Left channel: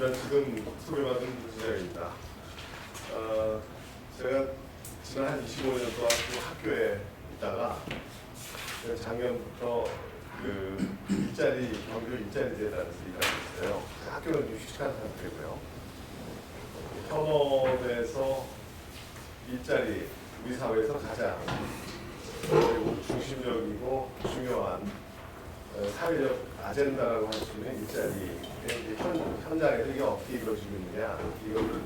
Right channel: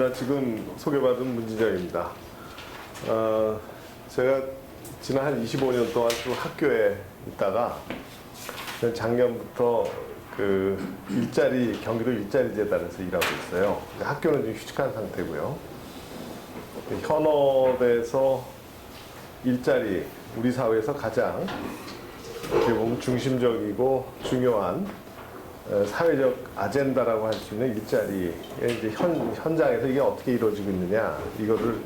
반갑습니다. 지금 소개받은 문진영입니다. 제가 지난 한 25년 동안 또 학교에 있다가 작년부터 그 경기도 일자리 재단에서 일하고 있어요. 학교는 좀 휴직한 상태고요. 현업에서 일자리, 우리 사회에서 가장 중심적이고 중요한 사회적 아젠다라고 할 수 있는 일자리의 현장에서 이게 어떻게 이루어지고 있느냐, 이거를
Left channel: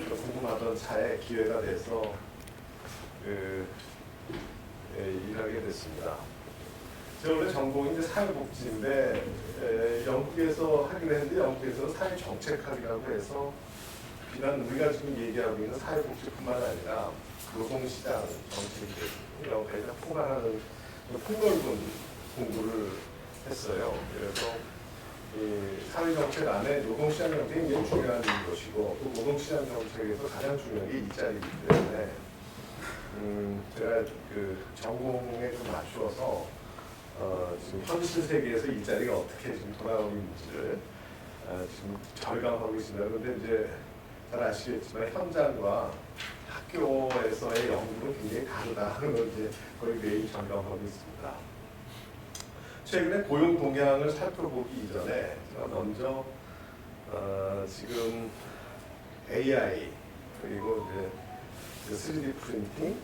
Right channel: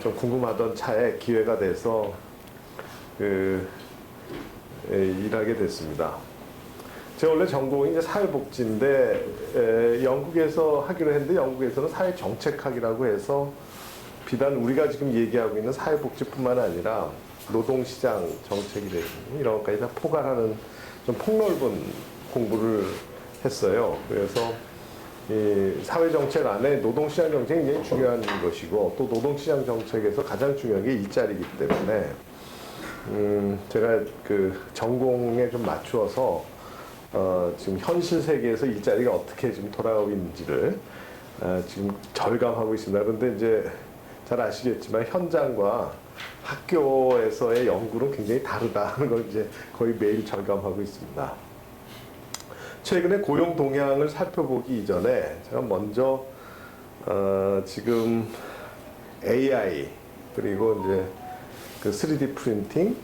좀 궁금하던 차에 기회가 돼서 일하게 됐습니다. 제가 원래 전공이 이제 사회복지인데 영국에서 하기로 했는데 영국에서는 사회정책학이라고 해서 비단 우리가 지금 얘기하고 있는 사회복지뿐만 아니라 노동시장 정책이 되고 이런 것까지 다 포괄하는 좀 폭넓은 공부를 했어요. 그래서 이 사회정책 안에 노동시장 정책이 굉장히 중요한 것이고 또 노동시장 정책에서 가장 중요한 게 일자리이기 때문에 제가 그 전공에 좀 맞추어서 지금 현실 세계에서 일자리가 어떻게 지금 돌아가고 있는지를 지금 절감하고 있습니다. 그런데 이제 잘 아시겠지만 현장과 학교에서의 연구는 굉장히 다르다는 걸 이제 거의 매일 절감하고 있습니다. 최근에 고용 동향을 살펴보기 이전에 제가 먼저 지금 AI 그리고 이제 그 3D 프린팅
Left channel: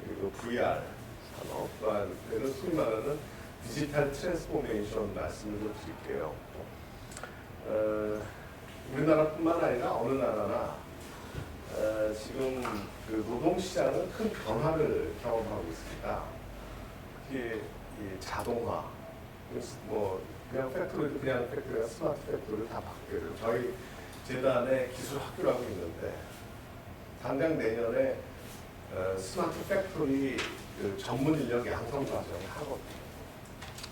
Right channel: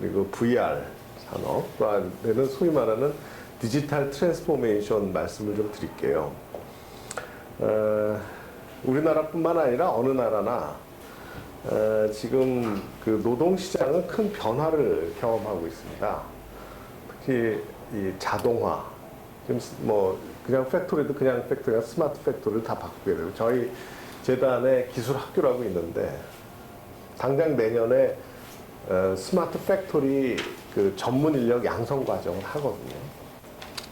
그리고 VR 산업과 되는 소위 말하는 디지털 트랜스포메이션 말씀을 좀 드릴게요. 우리나라뿐만 아니라 어느 나라나 지금 그 노동시장은 큰 변화를 경험하고 있습니다. 특히 이 자동화, 뭐 그냥 팩토리도 그냥 팩토리가 스마트 팩토리를 다 바꾸고요. 저희 재단에 기술 학교라고 있는데 당장 내년에 스마트 팩토리 그 전문 인력 양성 과정을 하거든요.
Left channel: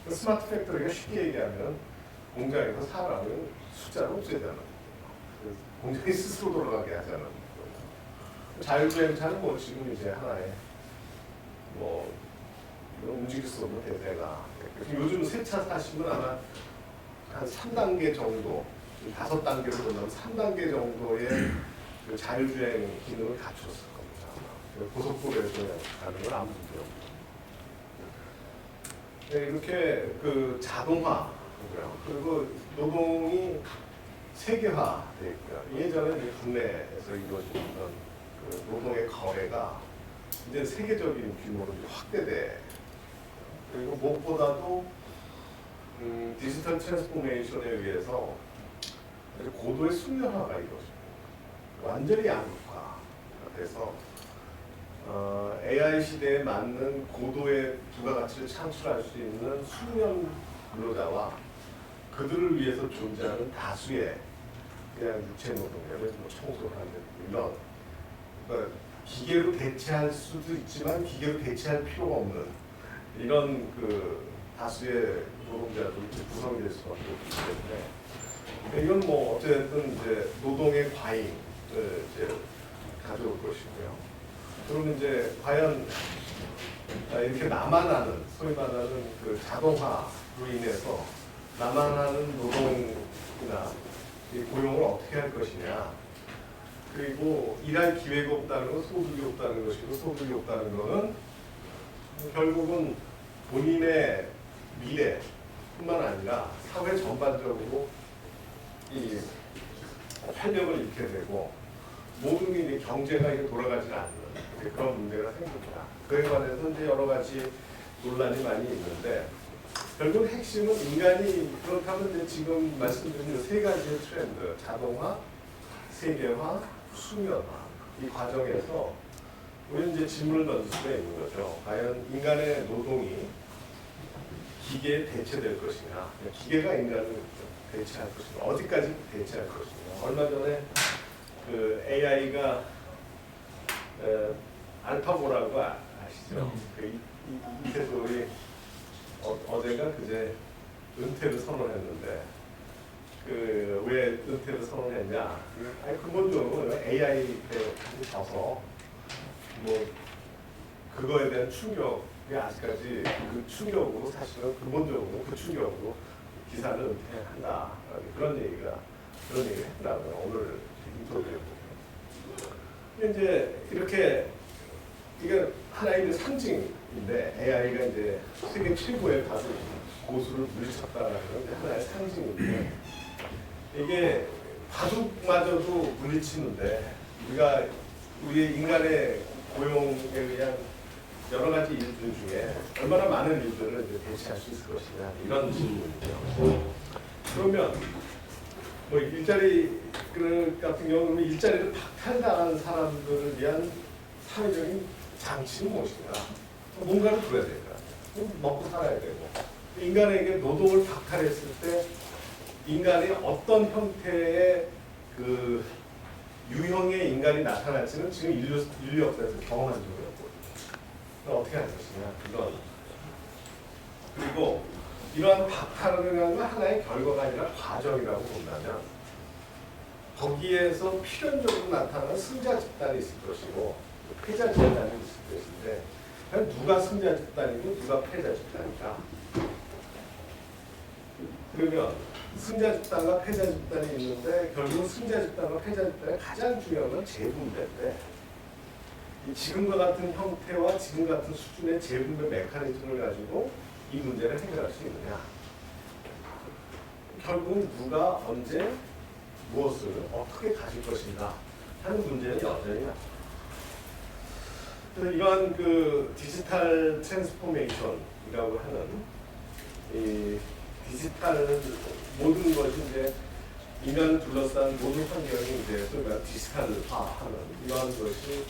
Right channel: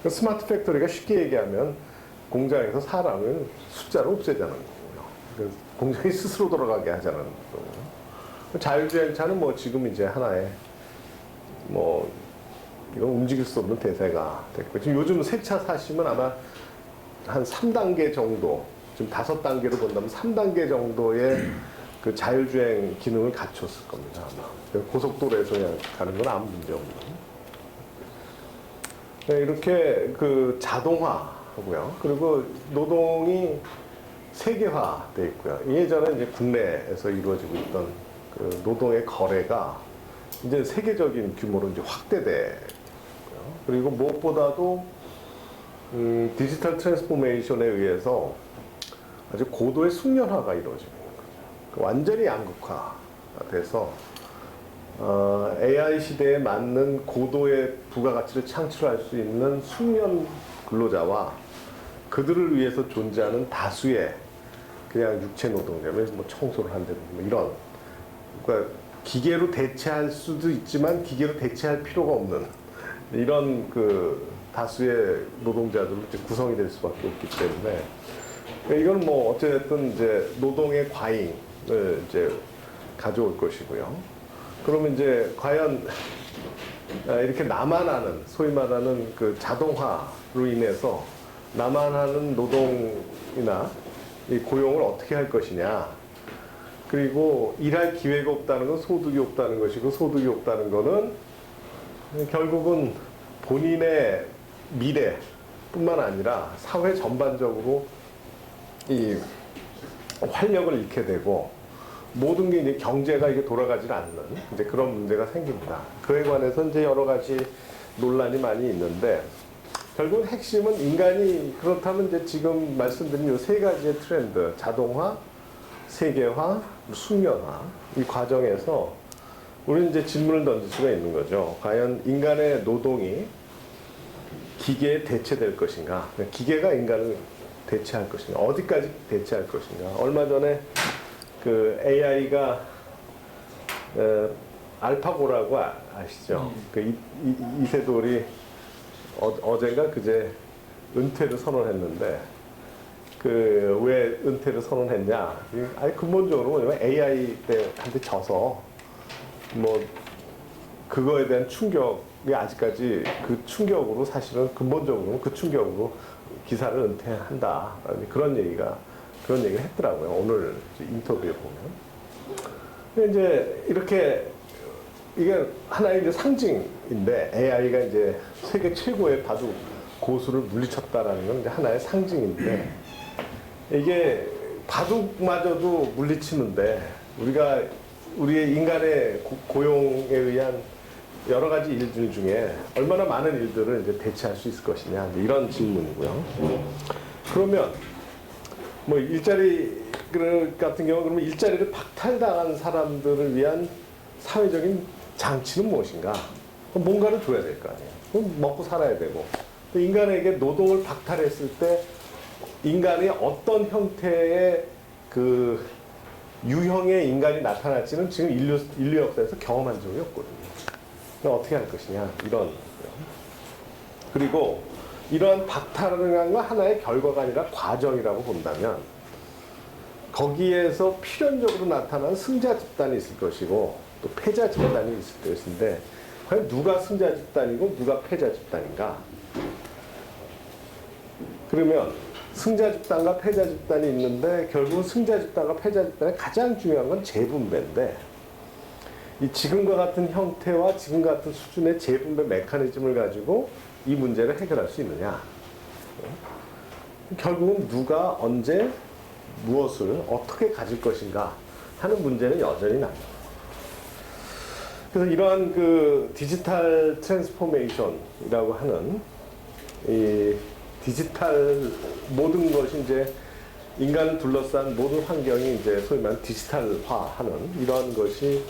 그 스마트 팩토리가 쉽게 얘기하면 공장에서 사람을 숫자를 없애자는 거예요. 공장이 스스로 돌아가게 하자는 거예요. 자율주행차는 뭐 지금 이제 하나의 뭐 이건 움직일 수 없는 대세가 됐고 지금 요즘 새 차 사시면 아마 한 3단계 정도, 지금 5단계로 본다면 3단계 정도의 그 자율주행 기능을 갖췄을 겁니다. 고속도로에서 가는 건 아무 문제 없는. 네, 이렇게 그 자동화고요. 그리고 노동이 세계화돼 있고요. 예전에 이제 국내에서 이루어지고 있던 그 노동의 거래가 이제 세계적인 규모로 이제 확대돼. 그리고 무엇보다도 디지털 트랜스포메이션에 의해서 아주 고도의 숙련화가 이루어지는 거예요. 완전히 양극화가 돼서 AI 시대에 맞는 고도의 부가가치를 창출할 수 있는 숙련 근로자와 그들을 위해서 존재하는 다수의 그냥 육체 노동자를 뭐 청소를 한다든지 뭐 이런, 그러니까 기계로 대체할 수도 있지만 기계로 대체할 필요가 없는 이런 그 다수의 노동자들이 구성이 될 수밖에 없기 때문에 이건 뭐 어쨌든 이제 노동의 과잉을 이제 가져올 것이고요. 그러면 이제 과연 이렇게 나만 하는, 소위 말하는 그 자동화로 인해서 나만 하는 노동이나 이 고용을 어떻게 할 것이냐. 그리고 일할 기회가 없다는 건 소득이 없다는 것이고, 소득이 없다는 것은 결국은 본인의 미래뿐만 아니라 사회 전반적으로 이 활력을 잃게 되고 모든 게 이제 경제가 이제 돌아가지 않는 이제 그런 문제가 생깁니다. 그에 관해서 이제 여러 가지 논란이 많이 있는데 결국 핵심은 인간이 그렇다면 이제 지금 말씀드린 이 세 가지의 트렌드, 자동화, 세계화, 숙련화 이 과정에서 우리는 이제 질문을 던질 수가 있는 거죠. 과연 인간의 노동이 기계에 대체될 것인가? 기계가 인간을 대체할 것인가? 어디까지 대체할 것인가? 얼마 전에 그 AI가 알파고라고 아시죠? 그 이세돌이 어제가 그제 은퇴를 선언했는데 그 왜 은퇴를 선언했냐? 아니 근본적으로 AI한테 져서 뭐 그거에 대한 충격이 아직까지 그 충격으로 사실은 근본적으로 그 충격으로 기사를 은퇴한다 그런 얘기가 그런 얘기를 했더라고요. 오늘 인터뷰에 보면. 근데 이제 이렇게 이게 하나의 이제 상징인데 AI가 이제 세계 최고의 바둑 고수를 물리쳤다라는 건 이제 하나의 상징인데 이게 바둑마저도 물리치는데 우리가 우리의 인간의 고용에 의한 여러 가지 일들 중에 얼마나 많은 일들을 이제 대체할 수 있을 것이냐 이런 질문이고요. 그러면 뭐 일자리 같은 경우는 일자리를 박탈당한 사람들을 위한 사회적인 장치는 무엇인가? 뭔가를 줘야 될 거 아니에요. 그럼 먹고 살아야 되고 인간에게 노동을 박탈했을 때 인간이 어떤 형태의 그 유형의 인간이 나타날지는 지금 인류 역사에서 경험한 적이 없거든요. 그럼 어떻게 할 것이냐 이런. 그리고 이러한 박탈을 하나의 결과가 아니라 과정이라고 본다면 거기에서 필연적으로 나타나는 승자 집단이 있을 것이고 또 패자 집단이 있을 것인데 과연 누가 승자 집단이고 누가 패자 집단인가? 그러면 승자 집단과 패자 집단이 있는데 결국 승자 집단과 패자 집단의 가장 중요한 건 재분배인데 이 지금과 같은 형태와 지금 같은 수준의 재분배 메커니즘을 가지고 이 문제를 해결할 수 있느냐? 결국은 누가 언제 무엇을 어떻게 가질 것인가 하는 문제는 여전히 남죠. 그래서 이러한 그 디지털 트랜스포메이션이라고 하는 이 디지털 모든 것이 이제 인간을 둘러싼 모든 환경이 이제 소위 말하는 디지털화하는 이러한 것이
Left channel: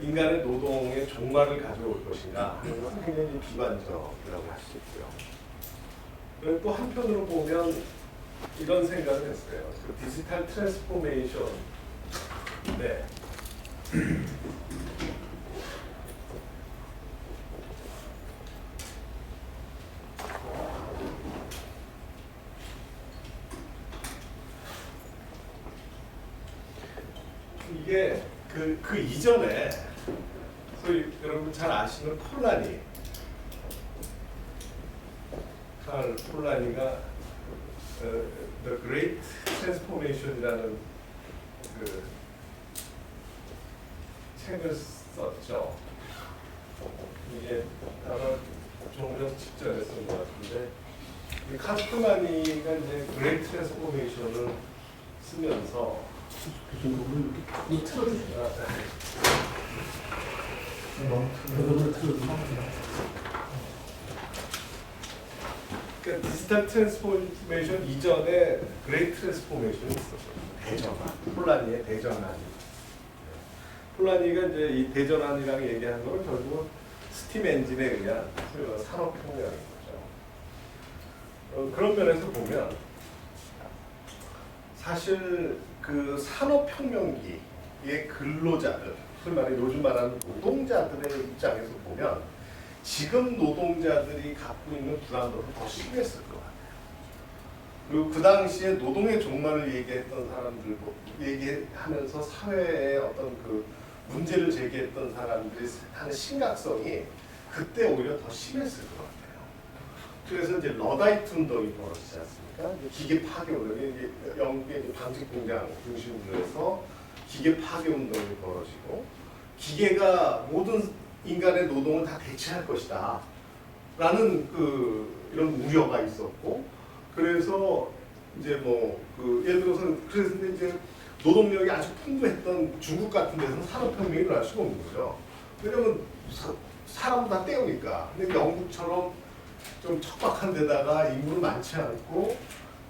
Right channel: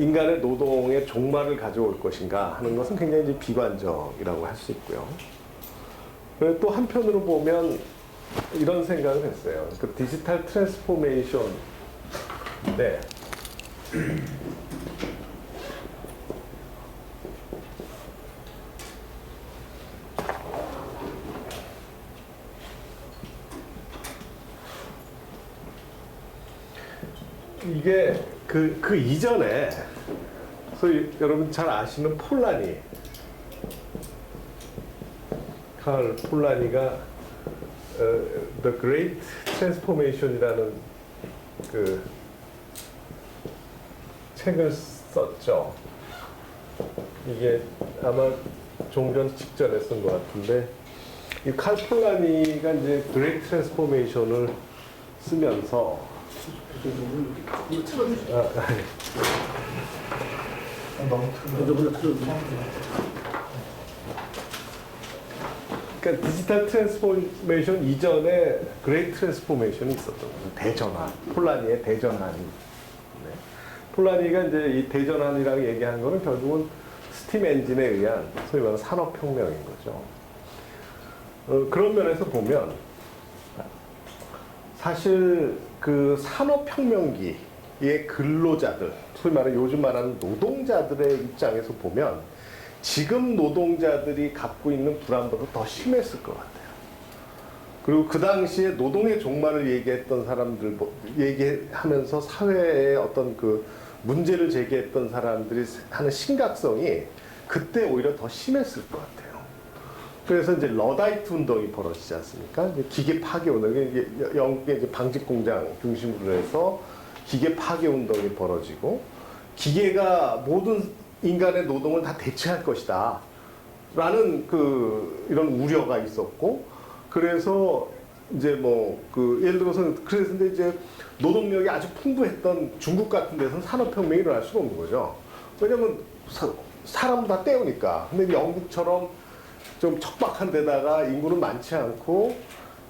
인간의 노동의 종말을 가져올 것인가 하는 것은 굉장히 이제 비관적이라고 할 수 있고요. 그리고 또 한편으로 보면 이런 생각을 했어요. 그 디지털 트랜스포메이션, 네. 이게 그 이전에 소위 여러분 잘 아시는 폴라니 칼 폴라니가 The Great Transformation이라는 그 책을 썼죠. 이게 아마 종전 직전에 쓴 것 같은데 이 칼 폴라니가 이제 Great Transformation을 쓰면서 그러니까 디지털 트랜스포메이션 이전에 그레이트 트랜스포메이션이 있었죠. 대전환, 폴라니의 대전환. 네. 폴라니가 이제 이 대전환이라고 얘기하는 거는 결국은 스팀 엔진에 의한 소위 말하는 산업혁명인 거죠. 그런 면에서 보면 사실 그 산업혁명기의 근로자들, 소위 말하는 요즘 말하는 노동자들의 입장에서 보면 지금 노동자들이 갖고 있는 불안보다 더 심했을 것 같아요. 그리고 그 당시에 노동의 종말을 얘기했던 사람들, 얘기하면서 사회에 어떤 그 문제를 제기했던 사람들이 하는 심각성이 그때 오히려 더 심했을 것 같아요. 그래서 이제 러다이트 운동이 벌어지지 않습니까? 기계 파괴 운동, 이게 영국의 방직 공장 중심으로 해서 기계 파괴 운동이 벌어지고 기계가 모든 인간의 노동을 다 대체할 것이다. 라는 이런 우려가 있었고, 그래서 이제 예를 들어서, 그래서 이제 노동력이 아주 풍부했던 중국 같은 데서는 산업혁명이 일어날 수가 없는 거죠. 왜냐면 사람 다 때우니까. 근데 영국처럼 좀 척박한 데다가 인구는 많지 않고,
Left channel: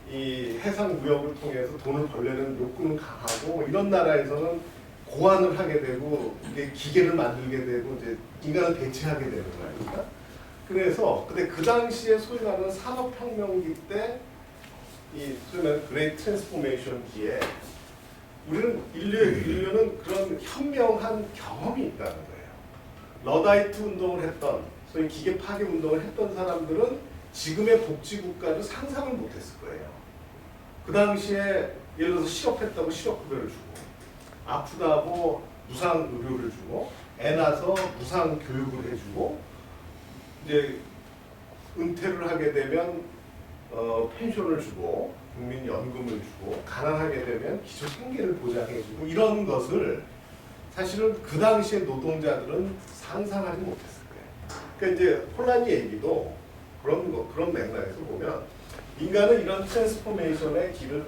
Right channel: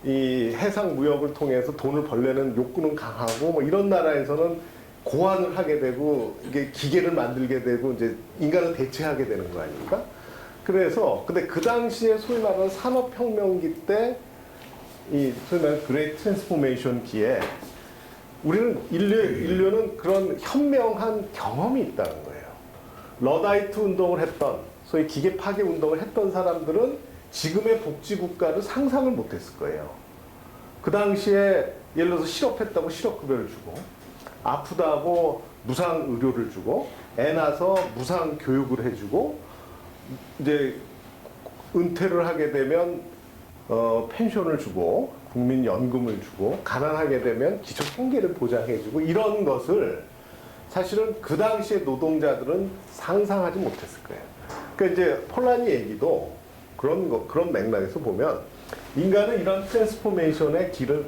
이 해상 무역을 통해서 돈을 벌려는 욕구는 강하고, 이런 나라에서는 고안을 하게 되고 이게 기계를 만들게 되고 이제 인간을 대체하게 되는 거 아닙니까? 그래서 근데 그 당시에 소위 말하는 산업혁명기 때 이 소위 말하는 그레이트 트랜스포메이션기에 우리는 인류는 그런 현명한 경험이 있다는 거예요. 러다이트 운동을 했던 소위 기계 파괴 운동을 했던 사람들은 지금의 복지국가를 상상을 못했을 거예요. 그 당시에 예를 들어서 실업했다고 실업급여를 주고 아프다고 무상 의료를 주고 애 낳아서 무상 교육을 해주고 이제 은퇴를 하게 되면 펜션을 주고 국민연금을 주고 가난하게 되면 기초생계를 보장해주고 이런 것을 사실은 그 당시에 노동자들은 상상하지 못했을 거예요. 그러니까 이제 폴라니 얘기도 그런 맥락에서 보면 인간은 이런 트랜스포메이션의 길을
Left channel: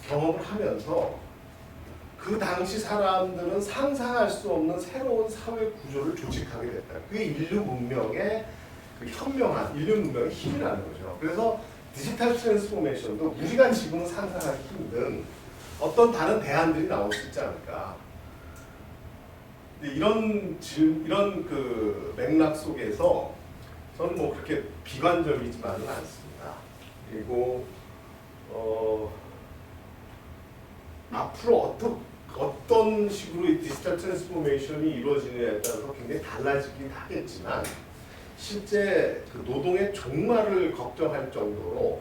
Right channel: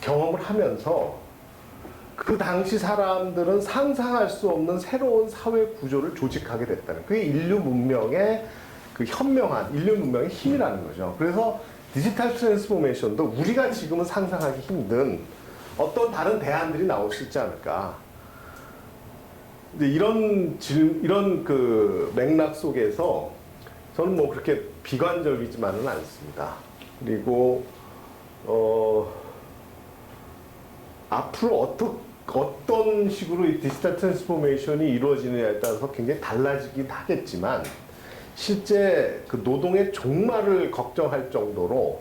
경험을 하면서 그 당시 사람들은 상상할 수 없는 새로운 사회 구조를 조직하게 됐다는 그게 인류 문명의 그 현명한 인류 문명의 힘이라는 거죠. 그래서 디지털 트랜스포메이션도 우리가 지금은 상상하기 힘든 어떤 다른 대안들이 나올 수 있지 않을까. 근데 이런 그 맥락 속에서 저는 뭐 그렇게 비관적이지만은 않습니다. 그리고 앞으로 어떤 식으로 이 디지털 트랜스포메이션이 이루어지느냐에 따라서 굉장히 달라지긴 하겠지만 실제 그 노동의 종말을 걱정할 정도로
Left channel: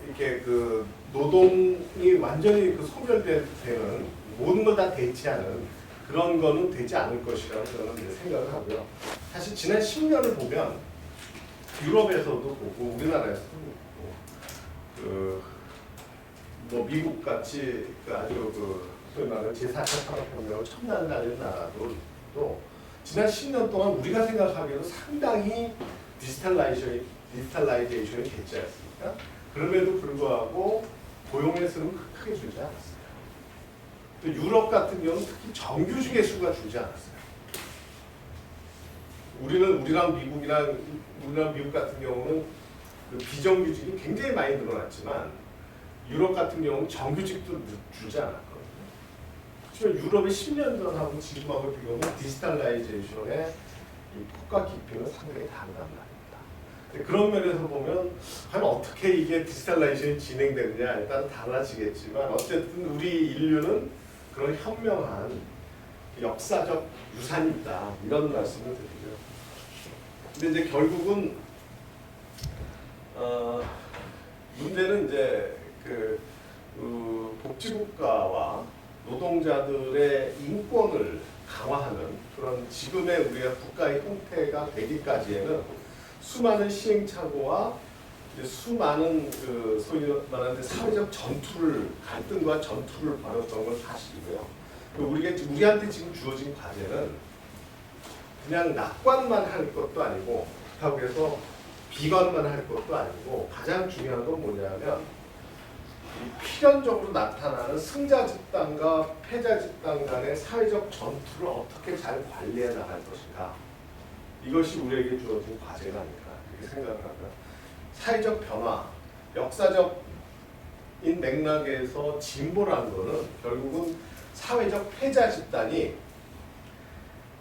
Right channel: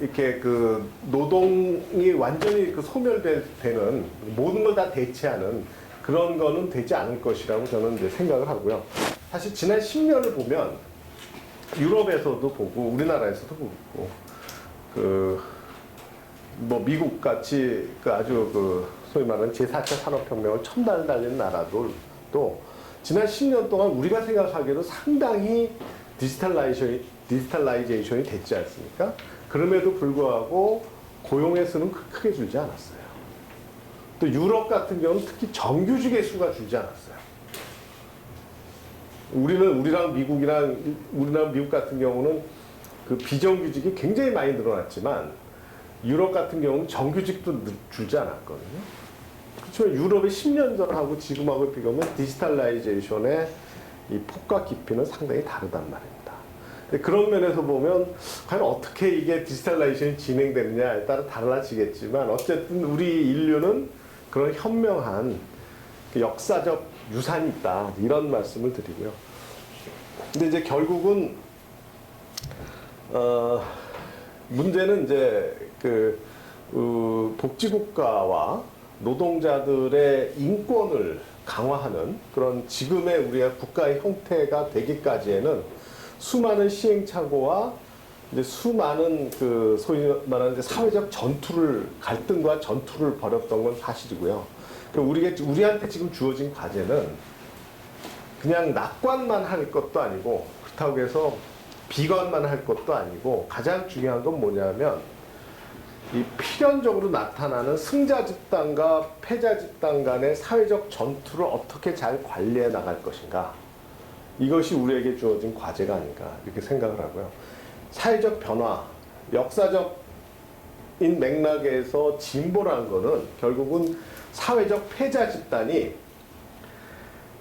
이렇게 그 노동이 완전히 그 소멸되는 모든 걸 다 대체하는 그런 거는 되지 않을 것이라고 저는 이제 생각을 하고요. 사실 지난 10년을 보면 유럽에서도 보고 우리나라에서도 보고 뭐 미국 같이 그 아주 그 소위 말하는 제4차 산업혁명을 첨단 달리는 나라도 또 지난 10년 동안 우리가 생각하기에도 상당히 디지털라이제이션이 됐지 않습니까? 그럼에도 불구하고 고용의 수는 크게 줄지 않았어요. 또 유럽 같은 경우는 특히 정규직의 수가 줄지 않았어요. 우리랑 미국 같은 경우는 그 비정규직이 굉장히 많이 늘어났지만 유럽 같은 경우는 정규직도 줄지 않았거든요. 그렇지만 유럽의 10년 전하고 지금하고 비교하면 디지털라이제이션의 이 폭과 깊이는 상당히 다르단 말입니다. 근데 그런 면에서 보면 과연 어떻게 이게 디지털라이제이션이 진행되느냐에 따라 달라지겠지만 어쨌든 우리 인류는 그런 현명한 역사적 유산이 있다 이런 말씀을 드리고요. 근데 이제 결국은 문제는 이제 복지국가와 노동자들의 인권을 강화하는 그런 지금의 우리가 국가의 형태가 되기까지에는 수많은 시행착오와 이제 수많은 그 소위 말하는 사회적 갈등과 전투를 벌였던 건 사실이고요. 우리한테 지금 주어진 과제는 그냥 낙관만 할 것도 아니고 그렇다고 해서 비관만 할 것도 아니고 가장 중요한 건 뭐냐면 이 필연적으로 나타나는 승자 집단과 패자 집단 간의 사회적 전투를 어떻게 잘 관리해 나갈 것인가. 이것이 우리에게 주어진 과제가 아닌가 이렇게 생각을 하고요. 사회적 변화, 역사적인 맥락에서 진보라는 것은 결국은 사회적 패자 집단이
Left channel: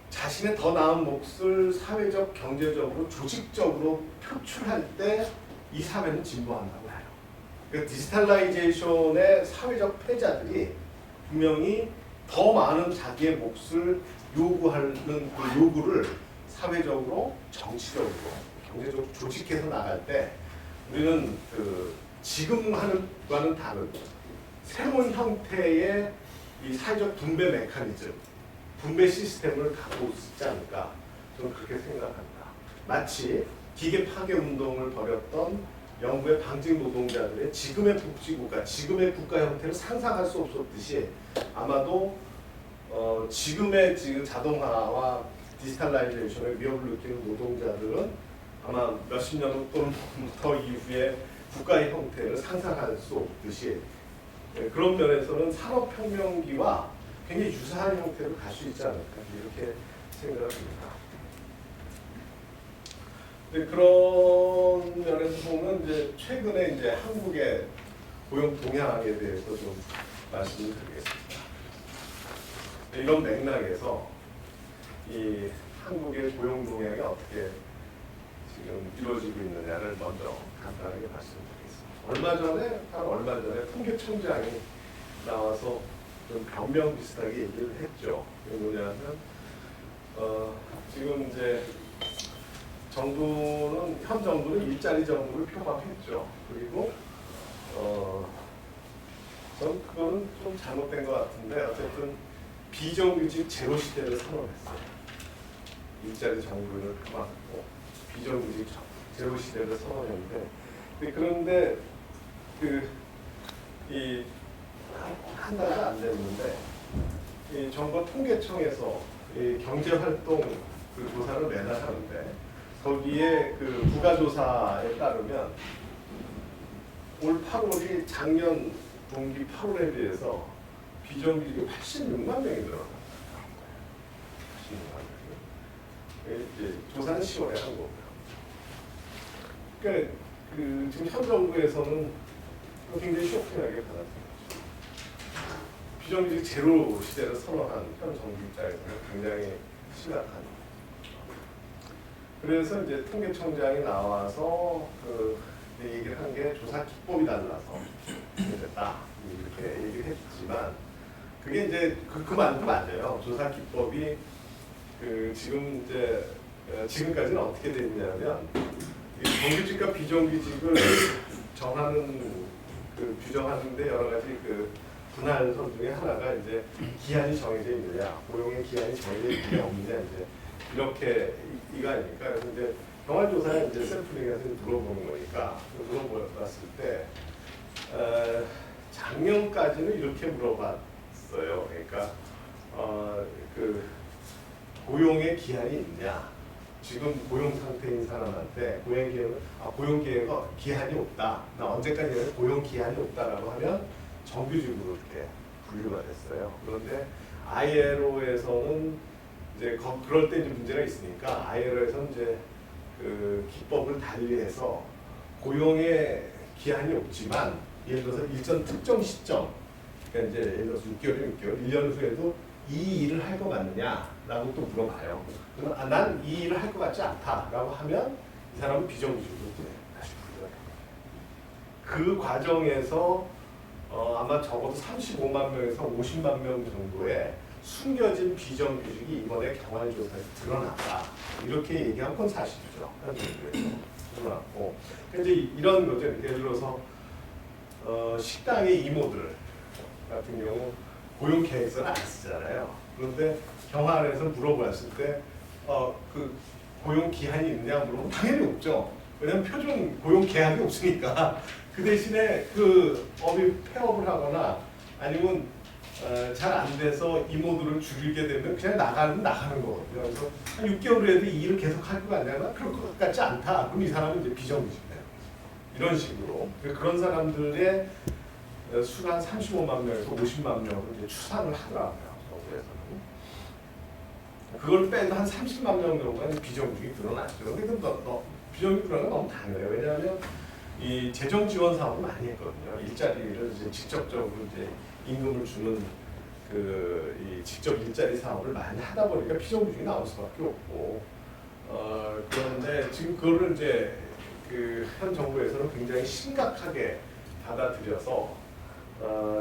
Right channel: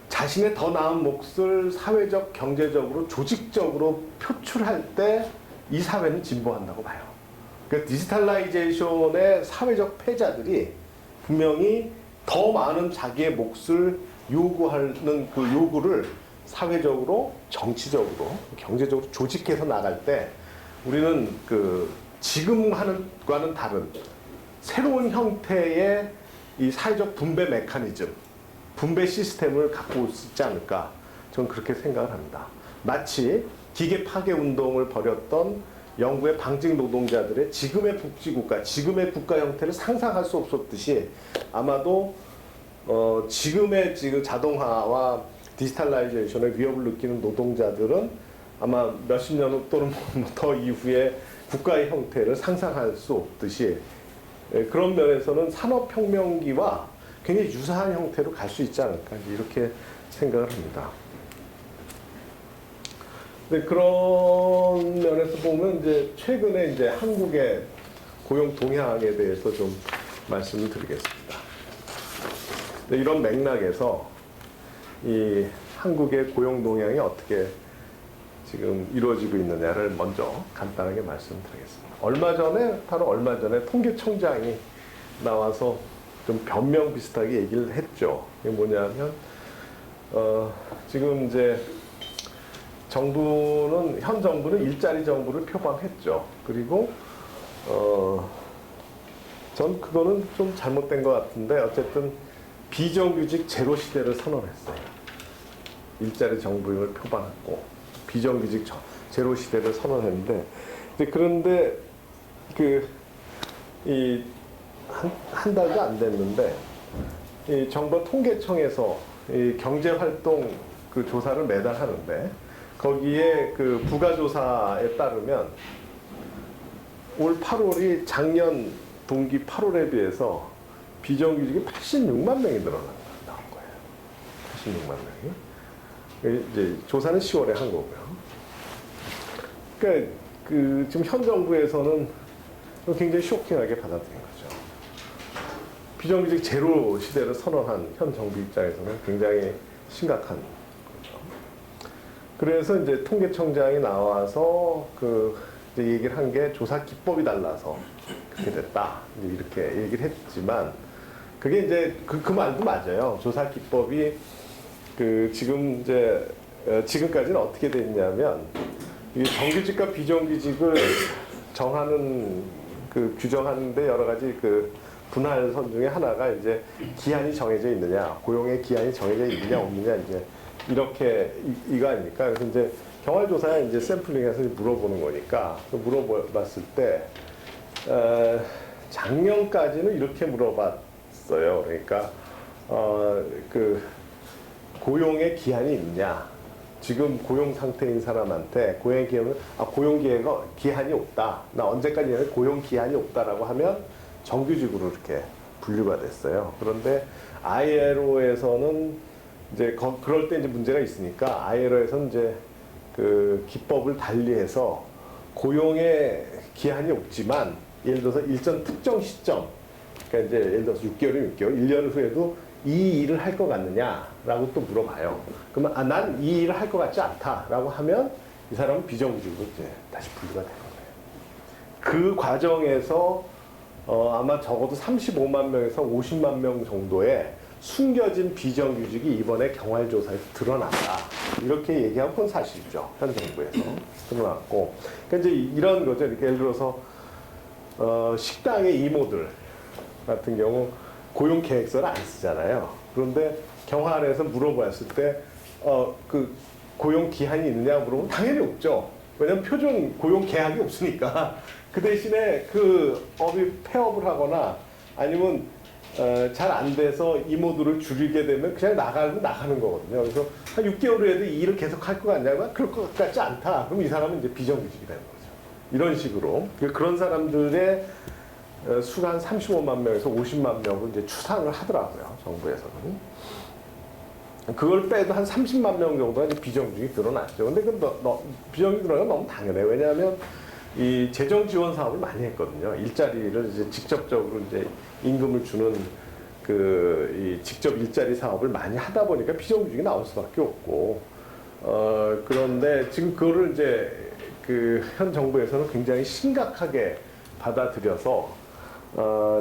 자신의 더 나은 몫을 사회적, 경제적으로, 조직적으로 표출할 때 이 사회는 진보한다고 봐요. 그러니까 디지털라이제이션의 사회적 패자들이 분명히 더 많은 자기의 몫을 요구하는 그 요구를 사회적으로, 정치적으로, 경제적으로 조직해서 나갈 때 우리는 그 지금 하는 것과는 다른 새로운 형태의 이 사회적 분배 메커니즘, 분배 시스템을 갖고 있지 않을까 저는 그렇게 생각을 합니다. 마치 기계 파괴 운동을 벌였던 영국의 방직 노동자들의 지금의 복지국가, 지금의 국가 형태를 상상할 수 없었듯이 아마도 지금의 자동화와 디지털라이제이션의 위협을 느끼는 노동자들은 아마 몇십 년 또는 더 이후에 국가의 형태를 상상할 수 없듯이 그런 면에서는 산업혁명기와 굉장히 유사한 형태로 갈 수 있지 않을까 이렇게 생각을 합니다. 근데 그런 면에서 보면 이제 최근에 이제 한국의 고용 동향에 대해서 좀 말씀을 드리겠습니다. 이런 맥락에서 이 한국의 고용 동향이 어떻게 지금 이루어지고 있느냐를 먼저 간단하게 말씀드리겠습니다. 바로 얼마 전에 통계청장이 나와서 좀 변명 비슷하게 얘기를 했죠. 이게 뭐냐면, 지금 이제 현 정부는 일자리 정부를 표방했죠. 그리고, 전 그거는 좀 잘못된 것 같은데, 어쨌든 비정규직 제로 시대를 선언했어요. 일자리 정부를 표방했고, 비정규직 제로 시대를 선언했는데, 그런데 이 한 달도 안 됐는데 이 정부 통계청에서 이 경제활동 그 조사를 매달 하는데 거기에 그 부가조사에 따르면 올 8월이 작년 동기 8월에 비해서 비정규직이 86만 명이 늘어났다는 거예요. 86만 명이. 이제 조사는 10월에 한 거고요. 그러니까 지금 현 정부에서는 굉장히 쇼킹하게 받아들인 거죠. 비정규직 제로 시대를 선언한 현 정부 입장에서는 굉장히 심각한 거죠. 그래서 이제 통계청장이 나와서 이제 얘기를 한 게 조사 기법이 달라서 그렇게 됐다 이렇게 얘기를 했지만 그게 이제 그 말도 맞아요. 조사 기법이 지금 이제 지금까지는 어떻게 됐냐면 이 정규직과 비정규직을 정하는 규정하는데 여러 가지 분할선 중에 하나가 이제 기한이 정해져 있느냐, 고용의 기한이 정해져 있느냐 없느냐 이제 이렇게 이거 아닙니까? 그래서 이제 경활조사에 이제 샘플링해서 물어보는 거니까 물어봤을 때 작년까지는 이렇게 물어봤어요. 그러니까 고용의 기한이 있냐? 지금 고용 상태인 사람한테 고용 기한이 없다. 나 언제까지는 고용 기한이 없다라고 하면 정규직으로 이렇게 분류가 됐어요. 그런데 ILO에서는 이제 그럴 때 이제 문제가 있으니까 ILO에서는 이제 기법을 달리해서 고용의 기한이 없지만 예를 들어서 일정 특정 시점, 그러니까 이제 예를 들어서 6개월이면 6개월, 1년 후에도 이 일을 할 것 같느냐라고 또 물어봐요. 그러면 난 이 일을 할 것 같지 않다라고 하면 이 사람은 비정규직으로 이제 다시 분류가 되는 거예요. 그 과정에서 아마 적어도 35만 명에서 50만 명 정도의 숨겨진 비정규직이 이번에 경활조사에서 드러났다. 이렇게 얘기한 건 사실이죠. 현 정부에서 드러났고. 그러니까 이제 이런 거죠. 예를 들어서 식당의 이모들 같은 경우 고용 계획서를 안 쓰잖아요. 그런데 경활에서 물어봤을 때 고용 기한이 있냐 물어보면 당연히 없죠. 왜냐하면 표준 고용 계약이 없으니까. 그 대신에 업이 폐업을 하거나 아니면 잘 안 돼서 이모들을 줄이게 되면 그냥 나가는 거거든요. 그래서 한 6개월 후에도 이 일을 계속 할 것 같냐면 그럴 것 같지 않다. 그럼 이 사람은 이제 비정규직이 되는 거죠. 이런 식으로. 그런 사람들의 수가 한 35만 명에서 50만 명을 이제 추산을 하더라고요. 정부에서는. 그걸 빼도 한 30만 명 정도가 비정규직이 늘어났죠. 근데 비정규직 늘어나는 건 너무 당연해요. 왜냐하면 이 재정 지원 사업을 많이 했거든요. 일자리를 이제 직접적으로 이제 임금을 주는 이 직접 일자리 사업을 많이 하다 보니까 비정규직이 나올 수밖에 없고, 그런데 지금 그거를 이제 현 정부에서는 굉장히 심각하게 받아들여서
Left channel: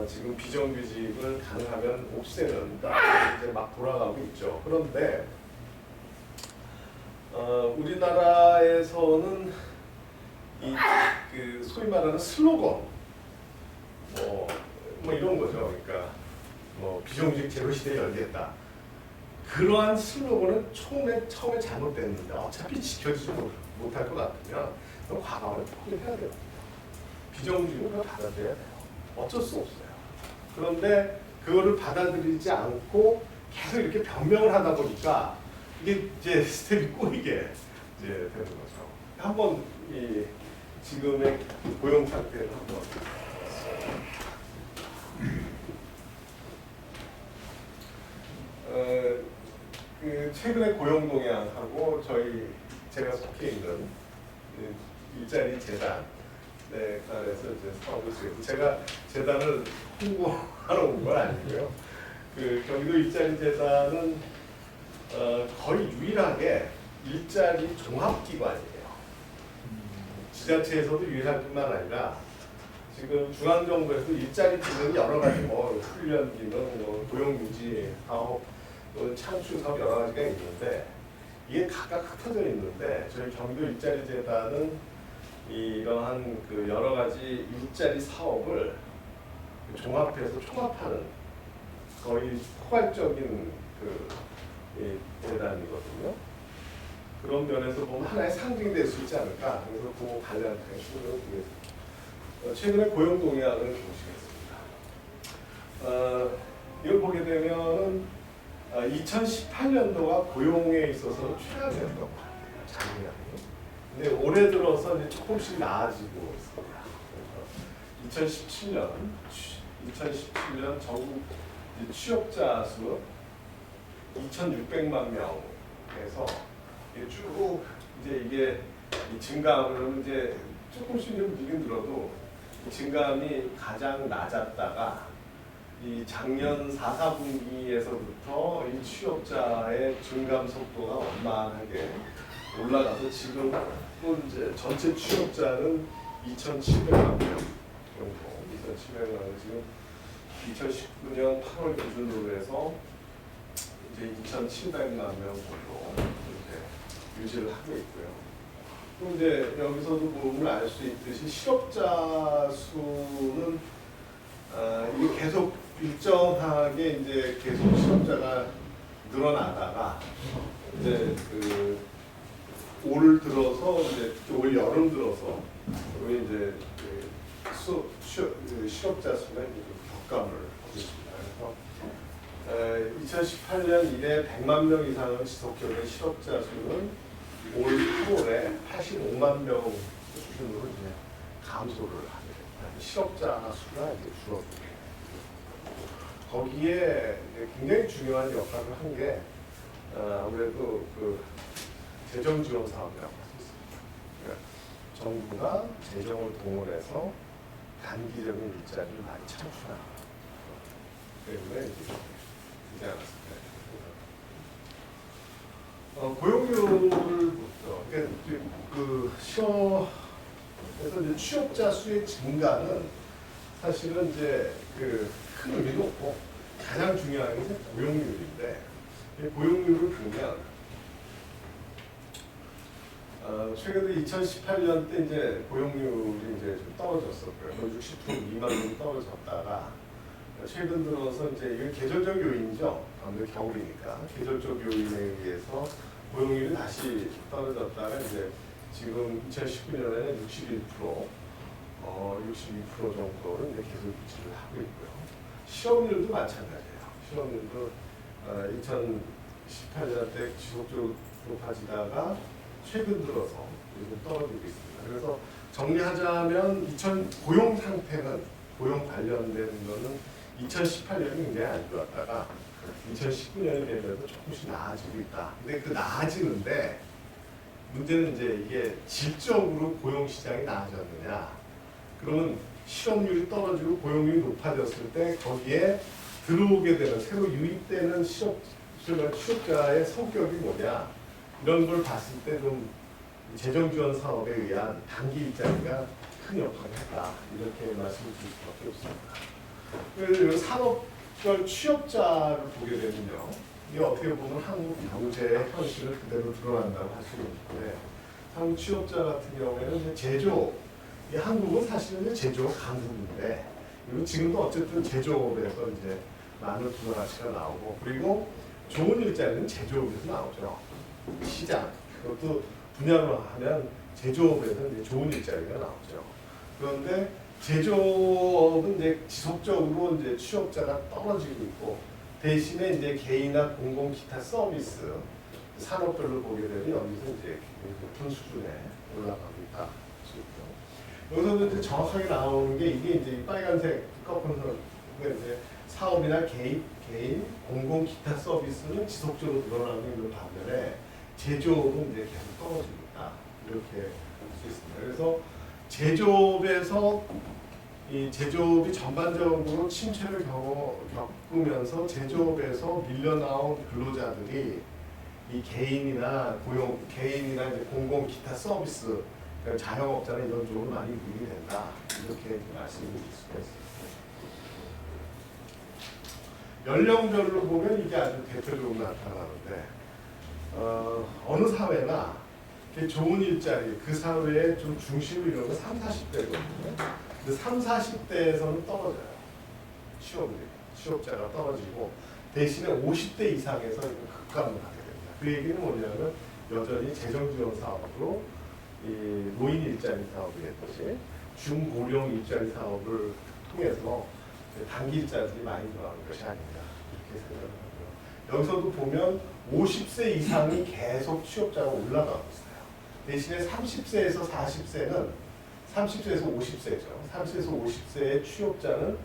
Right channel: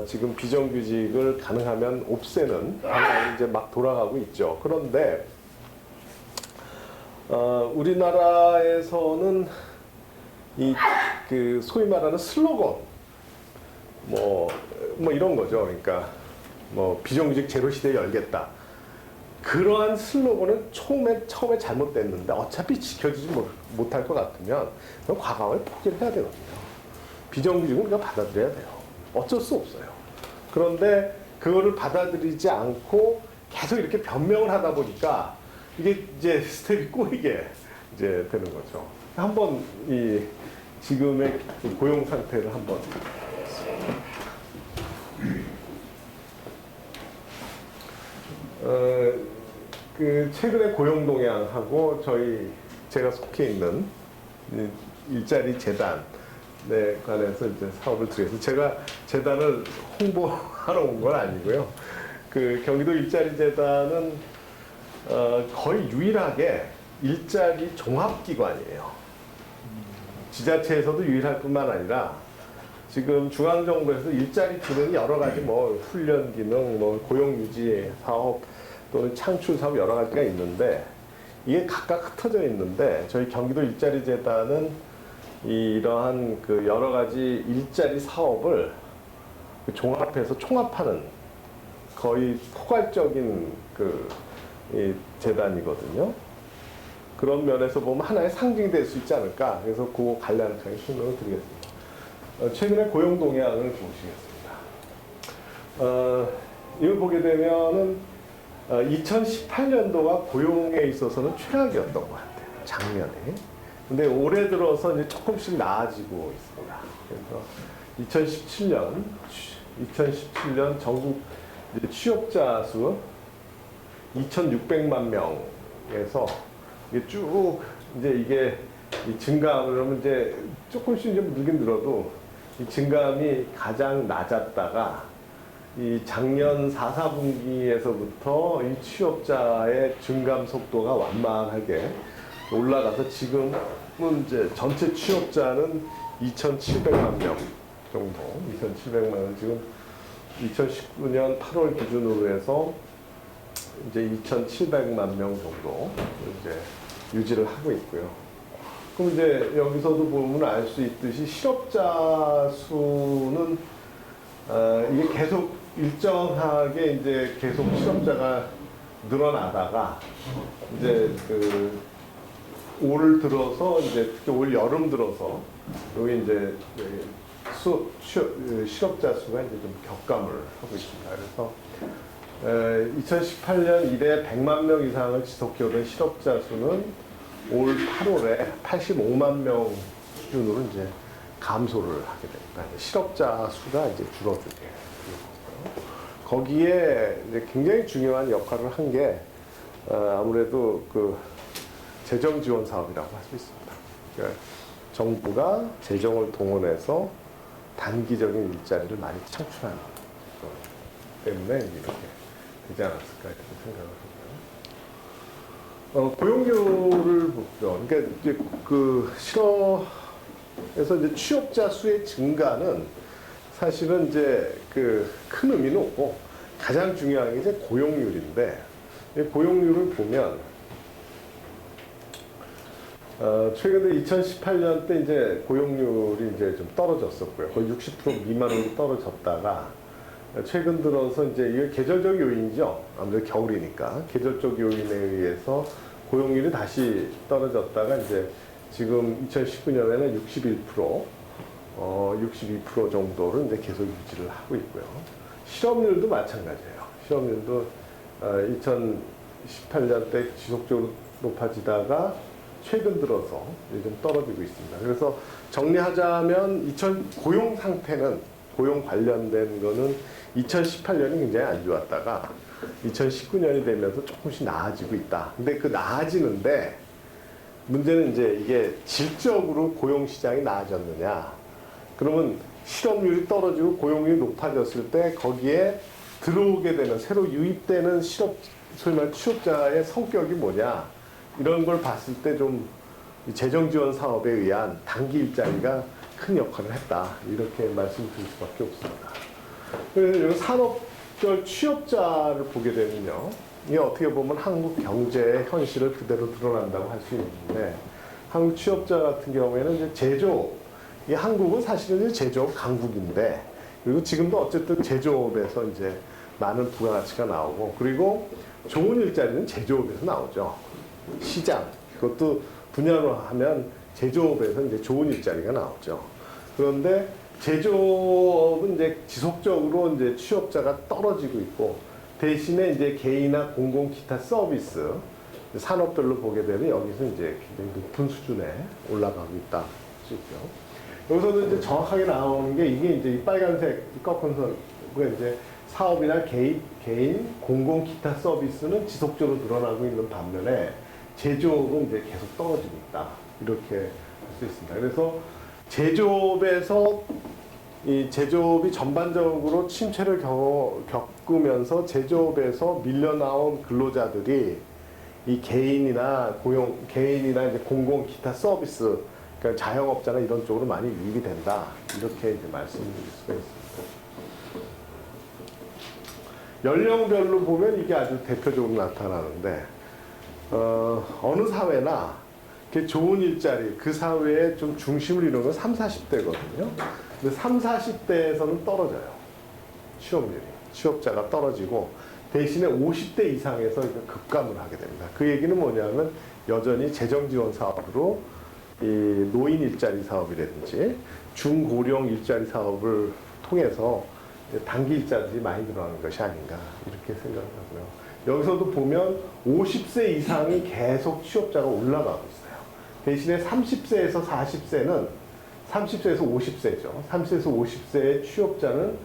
지금 비정규직을 가능하면 없애는 이제 막 돌아가고 있죠. 그런데 우리나라에서는 소위 말하는 슬로건 뭐 이런 거죠. 그러니까 비정규직 제로 시대 열겠다. 그러한 슬로건은 처음에 잘못됐는데 어차피 지켜지지 못할 것 같으면 그럼 과감하게 포기를 해야 되거든요. 비정규직은 그냥 받아들여야 돼요. 어쩔 수 없어요. 그런데 그거를 받아들이지 않고 계속 이렇게 변명을 하다 보니까 이게 이제 스텝이 꼬이게 이제 되는 거죠. 한번 지금의 고용 상태를 한번 최근에 고용 동향하고 제가 속해 있는 일자리 재단에 관해서 이제 사업을 드려서 제가 재단을 홍보하러 온 건 아니고요. 경기도 일자리 재단은 거의 유일하게 일자리 종합기관이에요. 지자체에서도 유일할 뿐만 아니라 지금 중앙정부에서 일자리 기능 여러 가지 훈련 기능, 고용유지 사업, 또 창출 사업 여러 가지가 있는데 이게 각각 흩어져 있는데 저희 경기도 일자리 재단은 이러한 여러 가지 일자리 사업을 종합해서 총합하는 거의 포괄적인 재단이거든요. 그런 면에서 보면 하나의 상징이 될 수 있지 않을까. 그래서 그 관련성에 신경을 드리겠습니다. 최근에 고용 동향을 보시겠습니다. 이걸 보게 되면은 2018년도가 고용에 있어서는 최악이었던 것 같아요. 작년에. 근데 올해 들어서 이제 조금씩 나아지고 있습니다. 그래서 2017년 전국 취업자 수 2,600만 명에서 이게 쭉 이게 증가하면 이제 조금씩 좀 늘긴 들어도 이 증감이 가장 낮았다가 이 작년 4, 4분기에서부터 이 취업자의 증감 속도가 완만하게 올라가서 지금은 이제 전체 취업자는 2,700만 명 정도, 2,700만 명 지금 2019년 8월 기준으로 해서 이제 2,700만 명 정도 이제 유지를 하고 있고요. 그럼 이제 여기서도 보면 알 수 있듯이 실업자 수는 이게 계속 일정하게 이제 계속 실업자가 늘어나다가 이제 올 들어서 이제 올 여름 들어서 여기 이제 실업자 수가 이제 좀 격감을 하고 있습니다. 그래서 2018년 이래 100만 명 이상을 지속적인 실업자 수는 올 8월에 85만 명 수준으로 이제 감소를 하게 됩니다. 실업자 수가 이제 줄어들게 됩니다. 거기에 이제 굉장히 중요한 역할을 한 게 아무래도 그 재정 지원 사업이라고 할 수 있습니다. 그러니까 정부가 재정을 동원해서 단기적인 일자리를 많이 창출하는 때문에 이렇게 되지 않았을까 이렇게 생각합니다. 고용률을 보죠. 그러니까 이제 그 실업에서 이제 취업자 수의 증가는 사실은 이제 그 큰 의미는 없고 가장 중요한 게 이제 고용률인데 고용률을 보면 최근에 2018년 때 이제 고용률이 이제 좀 떨어졌었고요. 거의 60% 미만으로 떨어졌다가 최근 들어서 이제 이게 계절적 요인이죠. 아무래도 겨울이니까 계절적 요인에 의해서 고용률이 다시 떨어졌다가 이제 지금 2019년에는 61%, 62% 정도를 이제 계속 유지를 하고 있고요. 실업률도 마찬가지예요. 실업률도 2018년 때 지속적으로 높아지다가 최근 들어서 좀 떨어지고 있습니다. 그래서 정리하자면 고용 상태는 고용 관련된 거는 2018년이 굉장히 안 좋았다가 2019년이 되면서 조금씩 나아지고 있다. 근데 그 나아지는데 문제는 이제 이게 질적으로 고용 시장이 나아졌느냐? 그러면 실업률이 떨어지고 고용률이 높아졌을 때 거기에 들어오게 되는 새로 유입되는 소위 말해 취업자의 성격이 뭐냐? 이런 걸 봤을 때 좀 재정 지원 사업에 의한 단기 일자리가 큰 역할을 했다. 이렇게 말씀드릴 수밖에 없습니다. 그래서 산업별 취업자를 보게 되면요. 이게 어떻게 보면 한국 경제의 현실을 그대로 드러난다고 할 수 있는데 한국 취업자 같은 경우에는 이제 제조업, 이 한국은 사실은 제조업 강국인데 그리고 지금도 어쨌든 제조업에서 이제 많은 부가가치가 나오고 그리고 좋은 일자리는 제조업에서 나오죠. 시장, 그것도 분야로 하면 제조업에서 이제 좋은 일자리가 나오죠. 그런데 제조업은 이제 지속적으로 이제 취업자가 떨어지고 있고 대신에 이제 개인이나 공공 기타 서비스 산업별로 보게 되면 여기서 이제 굉장히 높은 수준에 올라가고 있다. 여기서는 이제 정확하게 나오는 게 이게 이제 이 빨간색 꺾은 선이 이제 사업이나 개인, 공공 기타 서비스는 지속적으로 늘어나고 있는 반면에 제조업은 이제 계속 떨어지고 있다. 이렇게 할 수 있습니다. 그래서 제조업에서 이 제조업이 전반적으로 침체를 겪으면서 제조업에서 밀려나온 근로자들이 이 개인이나 이제 공공 기타 서비스, 그러니까 자영업자나 이런 쪽으로 많이 유입이 된다. 이렇게 이제 말씀드릴 수가 있습니다. 연령별로 보면 이게 아주 대표적으로 나타나는데 어느 사회나 좋은 일자리, 그 사회의 좀 중심을 이루는 건 30, 40대거든요. 근데 30, 40대에서는 떨어져요. 취업률이. 취업자가 떨어지고 대신에 50대 이상에서 급감을 하게 됩니다. 그 얘기는 뭐냐면 여전히 재정지원 사업으로 이 노인 일자리 사업이라든지 중고령 일자리 사업을 통해서 단기 일자리들이 많이 늘어나는 것이 아닌가 이렇게 생각하고요. 여기서도 보면 50세 이상이 계속 취업자가 올라가고 있어요. 대신에 30세에서 40세는 30세에서 50세죠. 30세에서 50세의 취업자는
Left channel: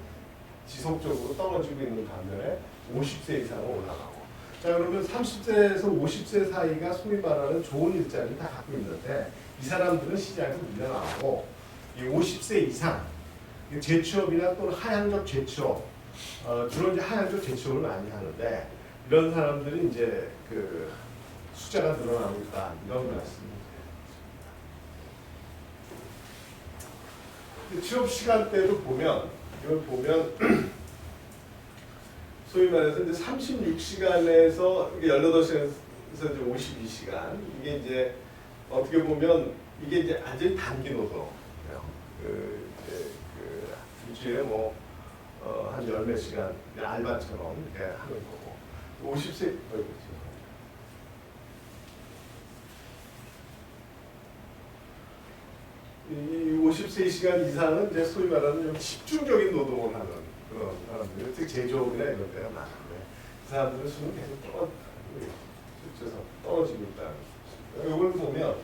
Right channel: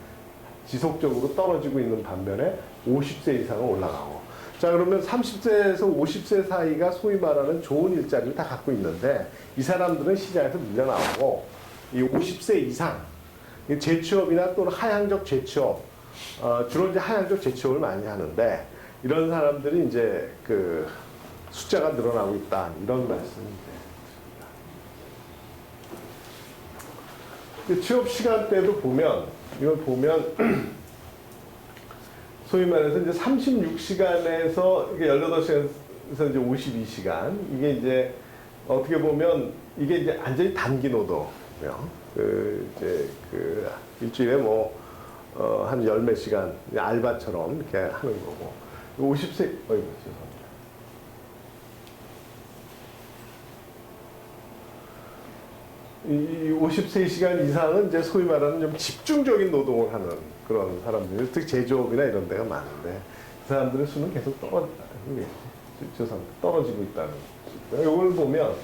지속적으로 떨어지고 있는 반면에 50세 이상은 올라가고. 자, 그러면 30세에서 50세 사이가 소위 말하는 좋은 일자리를 다 갖고 있는데 이 사람들은 시장에서 밀려나고 이 50세 이상 재취업이나 또는 하향적 재취업, 주로 이제 하향적 재취업을 많이 하는데 이런 사람들이 이제 그 숫자가 늘어나고 있다 이런 말씀입니다. 취업 시간대도 보면 이걸 보면 소위 말해서 이제 36시간에서 18시간에서 이제 52시간 이게 이제 어떻게 보면 이게 이제 완전히 단기 노동이요. 이제 일주일에 한 열 몇 시간 알바처럼 이렇게 하는 거고 50세 죄송합니다. 이 50세 시간 이상은 이제 소위 말하는 좀 집중적인 노동을 하는 그런 사람들, 특히 제조업이나 이런 데가 많은데 그 사람들의 수는 계속 떨어지고 있다는 거죠. 이걸 보면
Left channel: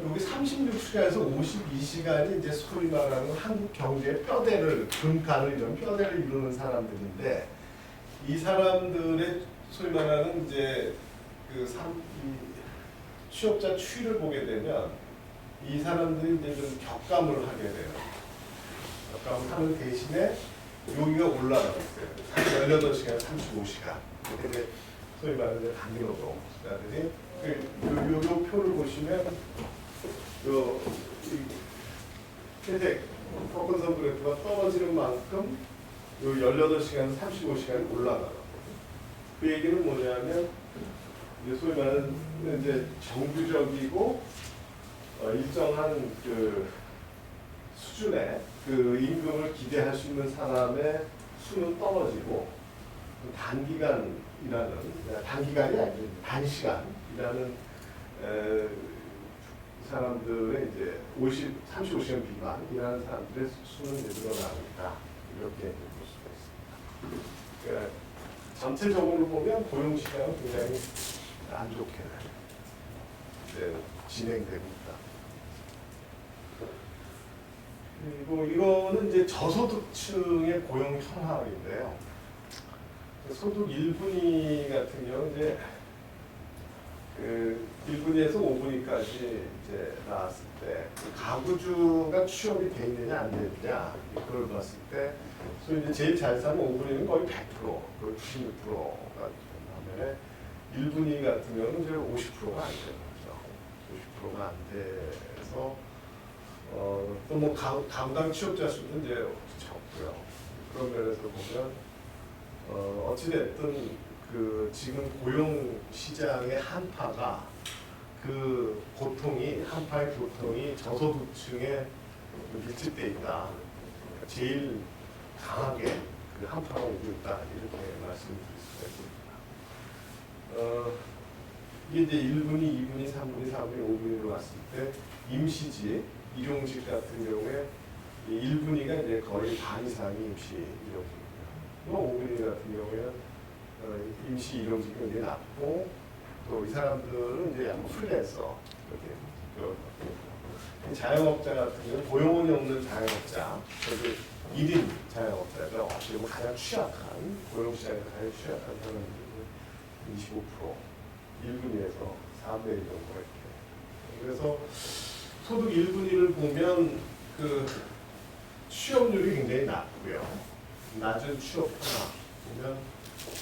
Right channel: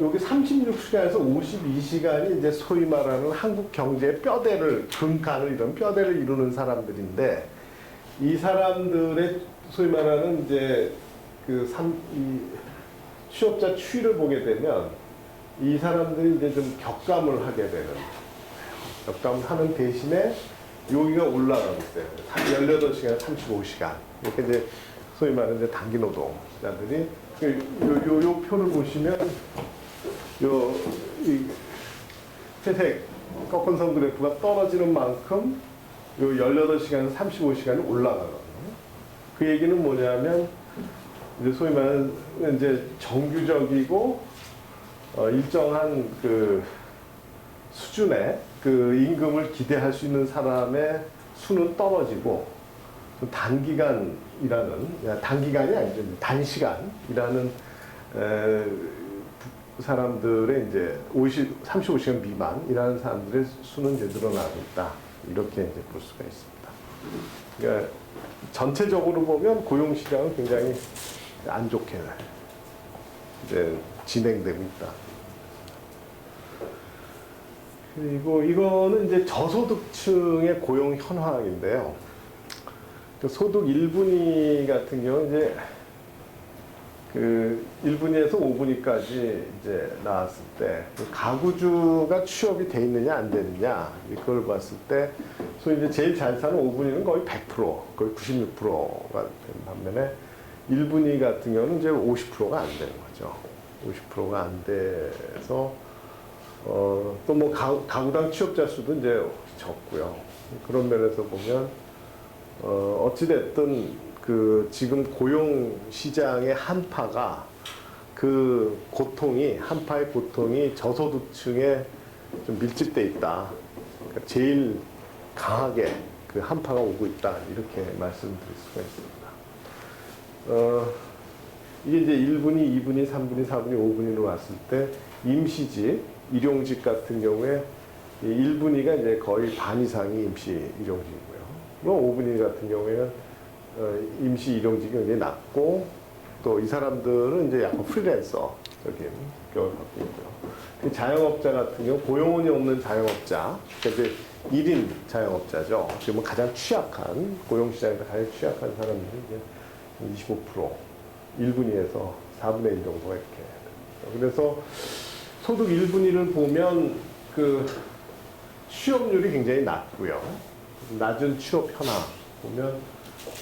여기 36시간에서 52시간이 이제 소위 말하는 한국 경제의 뼈대를, 근간을 이런 뼈대를 이루는 사람들인데 이 사람들의 소위 말하는 이제 이 취업자 추이를 보게 되면 이 사람들이 이제 좀 격감을 하게 되는, 격감을 하는 대신에 여기가 올라가고 있어요. 18시간, 35시간. 이렇게 이제 소위 말하는 이제 단기 노동자들이 요 표를 보시면 이 회색 꺾은 선 그래프가 떨어지는 만큼 요 18시간, 35시간이 올라가거든요. 그 얘기는 뭐냐면 이제 소위 말하는 이제 정규적이고 일정한 그 수준의 그 임금을 기대할 수 있는 사람의 수는 떨어지고 단기간 일하는, 단기간이 아니죠. 단시간 일하는 사람들의 이제 35시간 미만 일하는 사람들의 수는 이제 늘어나고 있다. 이렇게 이제 볼 수가 있습니다. 그러니까 전체적으로 보면 고용 시장은 굉장히 안 좋게 이제 진행되고 있다. 그리고 이거는 이제 저소득층의 고용 현황인데요. 소득 1분위 같은 경우는 이제 1분위에서 5분위까지 이제 나왔을 때 가구주가 취업이 돼 있느냐 안 되느냐 이걸 봤을 때 소위 이제 제일 잘 사는 5분위는 거의 100%, 거의 96%가 반면에 1분위 같은 경우는 이제 50%가 안 되는 거죠. 50%가 안 돼서 또 뭐 가구당 취업자 수도 이제 적고요. 그런 면에서 보면 어찌됐든 지금 고용 시장의 한파가 한파의 고통이 저소득층에 좀 밀집돼 있다. 그러니까 제일 강하게 그 한파가 오고 있다. 이렇게 말씀드릴 수가 있습니다. 이게 이제 1분위, 2분위, 3분위, 4분위, 5분위로 왔을 때 임시직, 일용직 같은 경우에 1분위가 이제 거의 반 이상이 임시 일용직이고요. 5분위 같은 경우에는 임시 일용직이 굉장히 낮고 또 이 사람들은 이제 약간 프리랜서적인 경우를 갖고 있고요. 자영업자 같은 경우 고용원이 없는 자영업자, 그러니까 이제 1인 자영업자죠. 지금 가장 취약한 고용시장에서 가장 취약한 사람들이 이제 25%, 1분위에서 4분의 1 정도가 이렇게. 그래서 소득 1분위를 보면 취업률이 굉장히 낮고요. 낮은 취업 현황 보면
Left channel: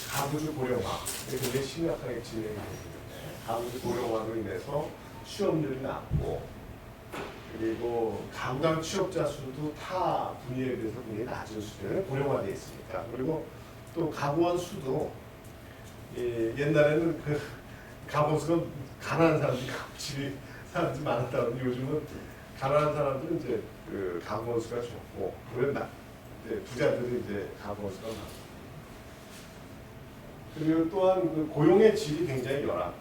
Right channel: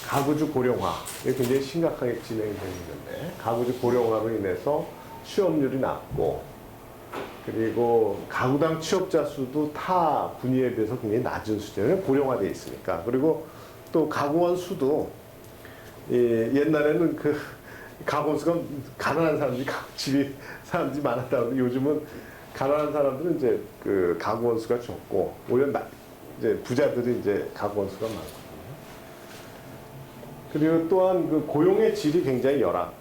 가구주 고령화 이게 굉장히 심각하게 진행이 되고 있는데 가구주 고령화로 인해서 취업률이 낮고 그리고 가구당 취업자 수도 타 분위에 비해서 굉장히 낮은 수준에 고령화되어 있으니까 그리고 또 가구원 수도 옛날에는 가구원 수가 가난한 사람들이 집이 사람들이 많았다고 요즘은 가난한 사람들은 이제 가구원 수가 적고 오히려 이제 부자들이 이제 가구원 수가 많고 그리고 또한 그 고용의 질이 굉장히 열악한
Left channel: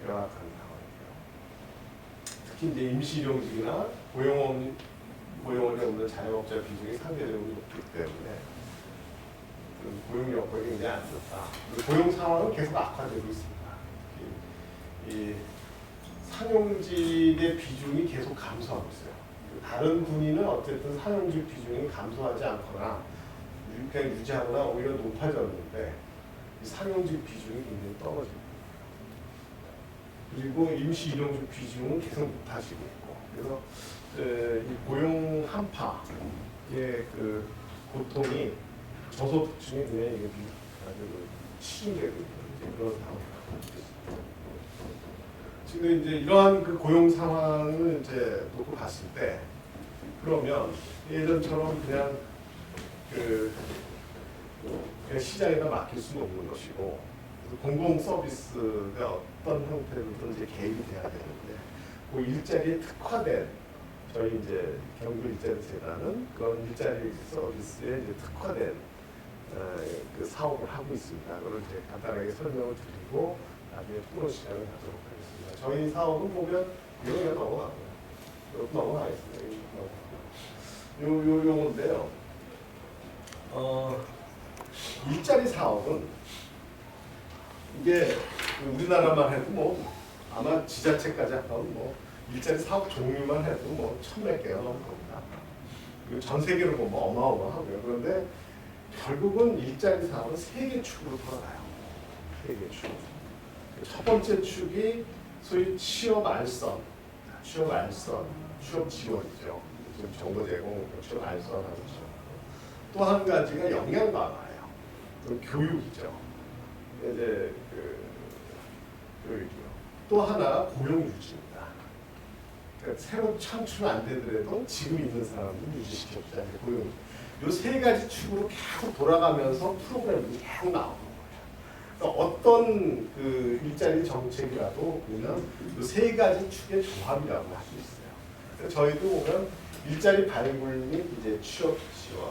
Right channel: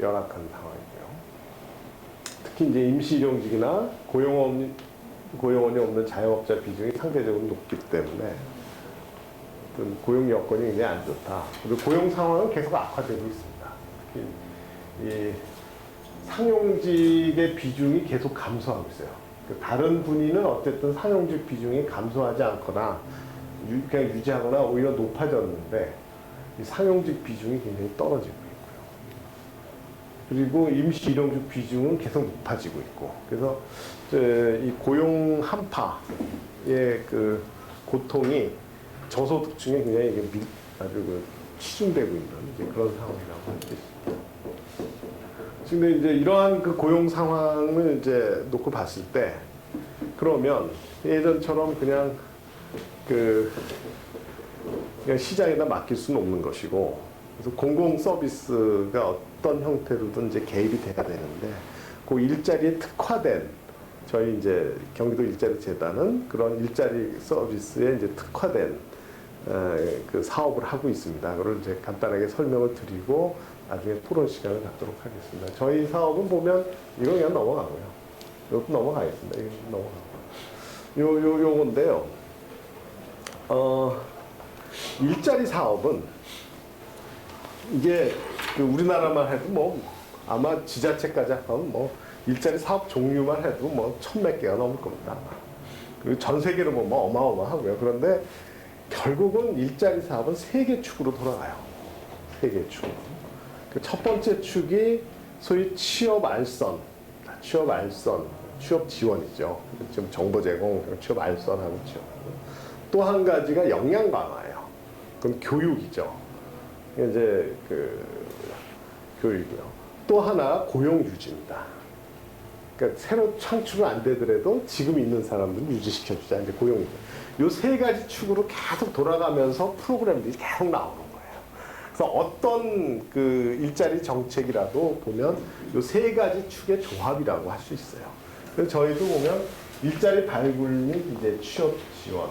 상황이고요. 특히 이제 임시일용직이나 고용원이 없는 자영업자 비중이 상대적으로 높기 때문에 그 고용 여건이 굉장히 안 좋다. 그리고 고용 상황은 계속 악화되고 있습니다. 이 상용직의 비중이 계속 감소하고 있어요. 다른 분위는 어쨌든 상용직 비중이 감소하지 않거나 그냥 유지하거나 오히려 높아졌는데 이 상용직 비중이 굉장히 떨어지고 있고요. 그리고 임시 일용직 비중은 계속 높아지고 있고 그래서 이 고용 한파의 그 고통이 저소득층에 굉장히 치중되고 있는 그런 상황이라고 할 수 있습니다. 근데 이제 이러한 그 고용 상황을 이제 놓고 봤을 때 그러면 예전처럼 그냥 그냥 시장에다 맡길 수는 없는 것이고 그래서 공공 서비스가 어떤 형태로든 이제 개입이 돼야 되는데 그 일자리에 특화된 저희 이제 경기도 일자리 재단은 그런 일자리 서비스에 이제 특화된 그 사업을 하고 있습니다. 그걸 이제 간단하게 설명을 드리고 나중에 토론 시간을 갖도록 하겠습니다. 저희 사업은 보면 이거 그냥 넘어가고요. 이것도 넘어가겠습니다. 이거 넘어가고요. 요건데요. 일자리 사업은 이게 그 우리나라만 해도 뭐 아마 지자체까지 합하면 뭐 일자리 사업 종류만 해도 뭐 1000몇 개가 넘을 겁니다. 그리고 전 세계로 보면 어마어마하고요. 그런데 결국은 일자리 사업은 3개 축으로 돌아가요. 3개 축. 그 첫 번째 축이 소위 취업 알선, 취업 지원이죠. 지금 정보 제공, 취업 알선하는 지원. 또 한 가지가 역량 강화예요. 그럼 교육이죠. 이제 그 교육이요. 또 하나 고용 유지입니다. 그러니까 새로 창출은 안 되더라도 지금 있는 사람들 유지시켜주자. 이제 고용. 요 3가지 축으로 계속 돌아가면서 프로그램들이 계속 나오는 거예요. 그래서 어떤 그 일자리 정책이라도 보면 요 3가지 축의 조합이라고 할 수 있어요. 그래서 저희도 보면 일자리 발굴 및 이제 취업 지원.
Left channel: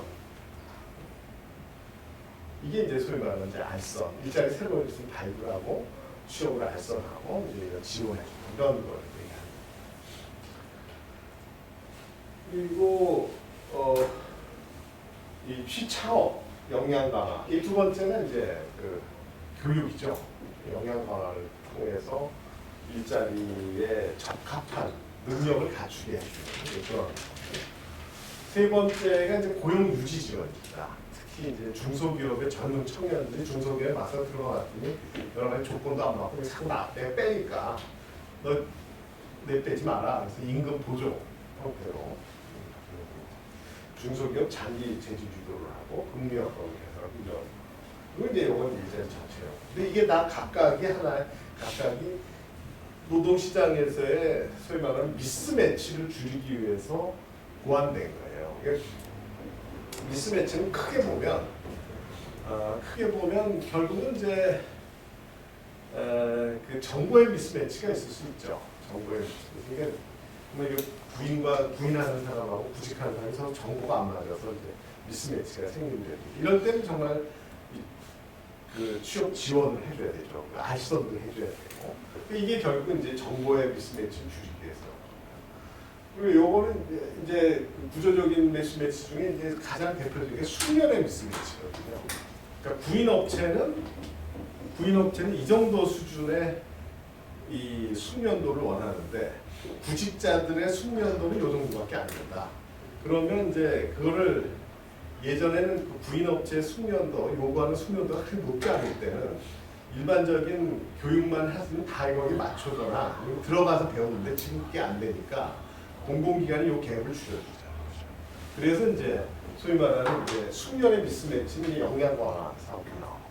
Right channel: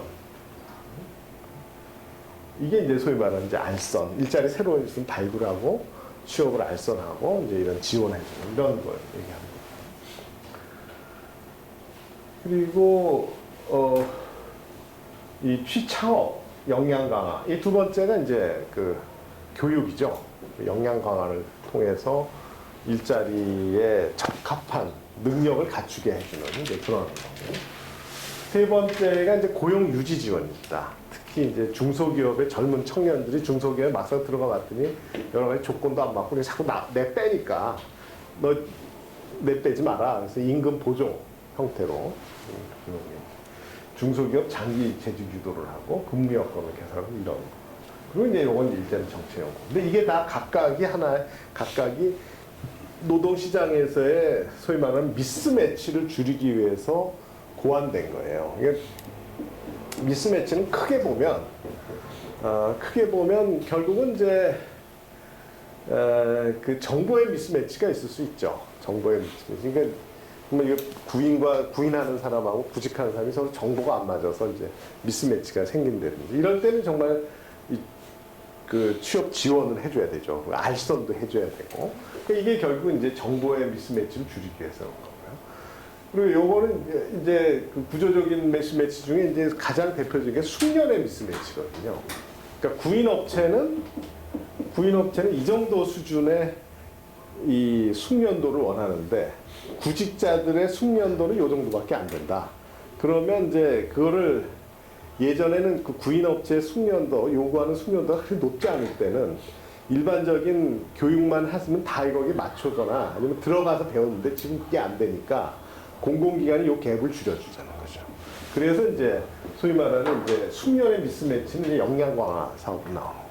이게 이제 소위 말하는 이제 알선. 일자리 새로 좀 발굴하고 취업을 알선하고 이제 이런 지원해주는 이런 걸 얘기합니다. 그리고 이 취창업 역량 강화. 이 두 번째는 이제 그 교육이죠. 역량 강화를 통해서 일자리에 적합한 능력을 갖추게 해주는 이제 그런 거고. 세 번째가 이제 고용 유지 지원입니다. 특히 이제 중소기업의 젊은 청년들이 중소기업에 막상 들어가봤더니 여러 가지 조건도 안 맞고 자꾸 내 빼니까 너 내 빼지 마라. 그래서 임금 보조 형태로 중소기업 장기 재직 유도를 하고 금리 여건을 개선하고 이런 거. 그리고 이제 이건 일자리 정책이고. 근데 이게 다 각각이 노동시장에서의 소위 말하는 미스매치를 줄이기 위해서 고안된 거예요. 이게 미스매치는 크게 보면 결국은 이제 그 정보의 미스매치가 있을 수 있죠. 정보의 미스매치. 그러니까 구인하는 사람하고 구직하는 사람이 서로 정보가 안 맞아서 이제 미스매치가 생긴다는 거죠. 이럴 때는 정말 그 취업 지원을 해줘야 되죠. 알선도 해줘야 되고. 이게 결국 이제 정보의 미스매치를 줄이기 위해서 그런 거고요. 그리고 요거는 이제 그 구조적인 미스매치 중에 이제 가장 대표적인 게 숙련의 미스매치거든요. 그러니까 구인업체는 이 정도 수준의 이 숙련도를 원하는데 구직자들의 숙련도는 요 정도밖에 안 된다. 그러면 이제 그거를 예전에는 그 구인업체 숙련도 요구하는 숙련도가 그렇게 높지 않을 때는 일반적인 교육만 했으면 다 거기에 맞춰거나 아니면 들어가서 배웠는데 지금 그게 안 되니까 공공기관이 요 갭을 줄여주자는 거죠. 그래서 이제 소위 말하는 이제 숙련의 미스매치는 이제 역량 강화 사업으로 나오는 거고요.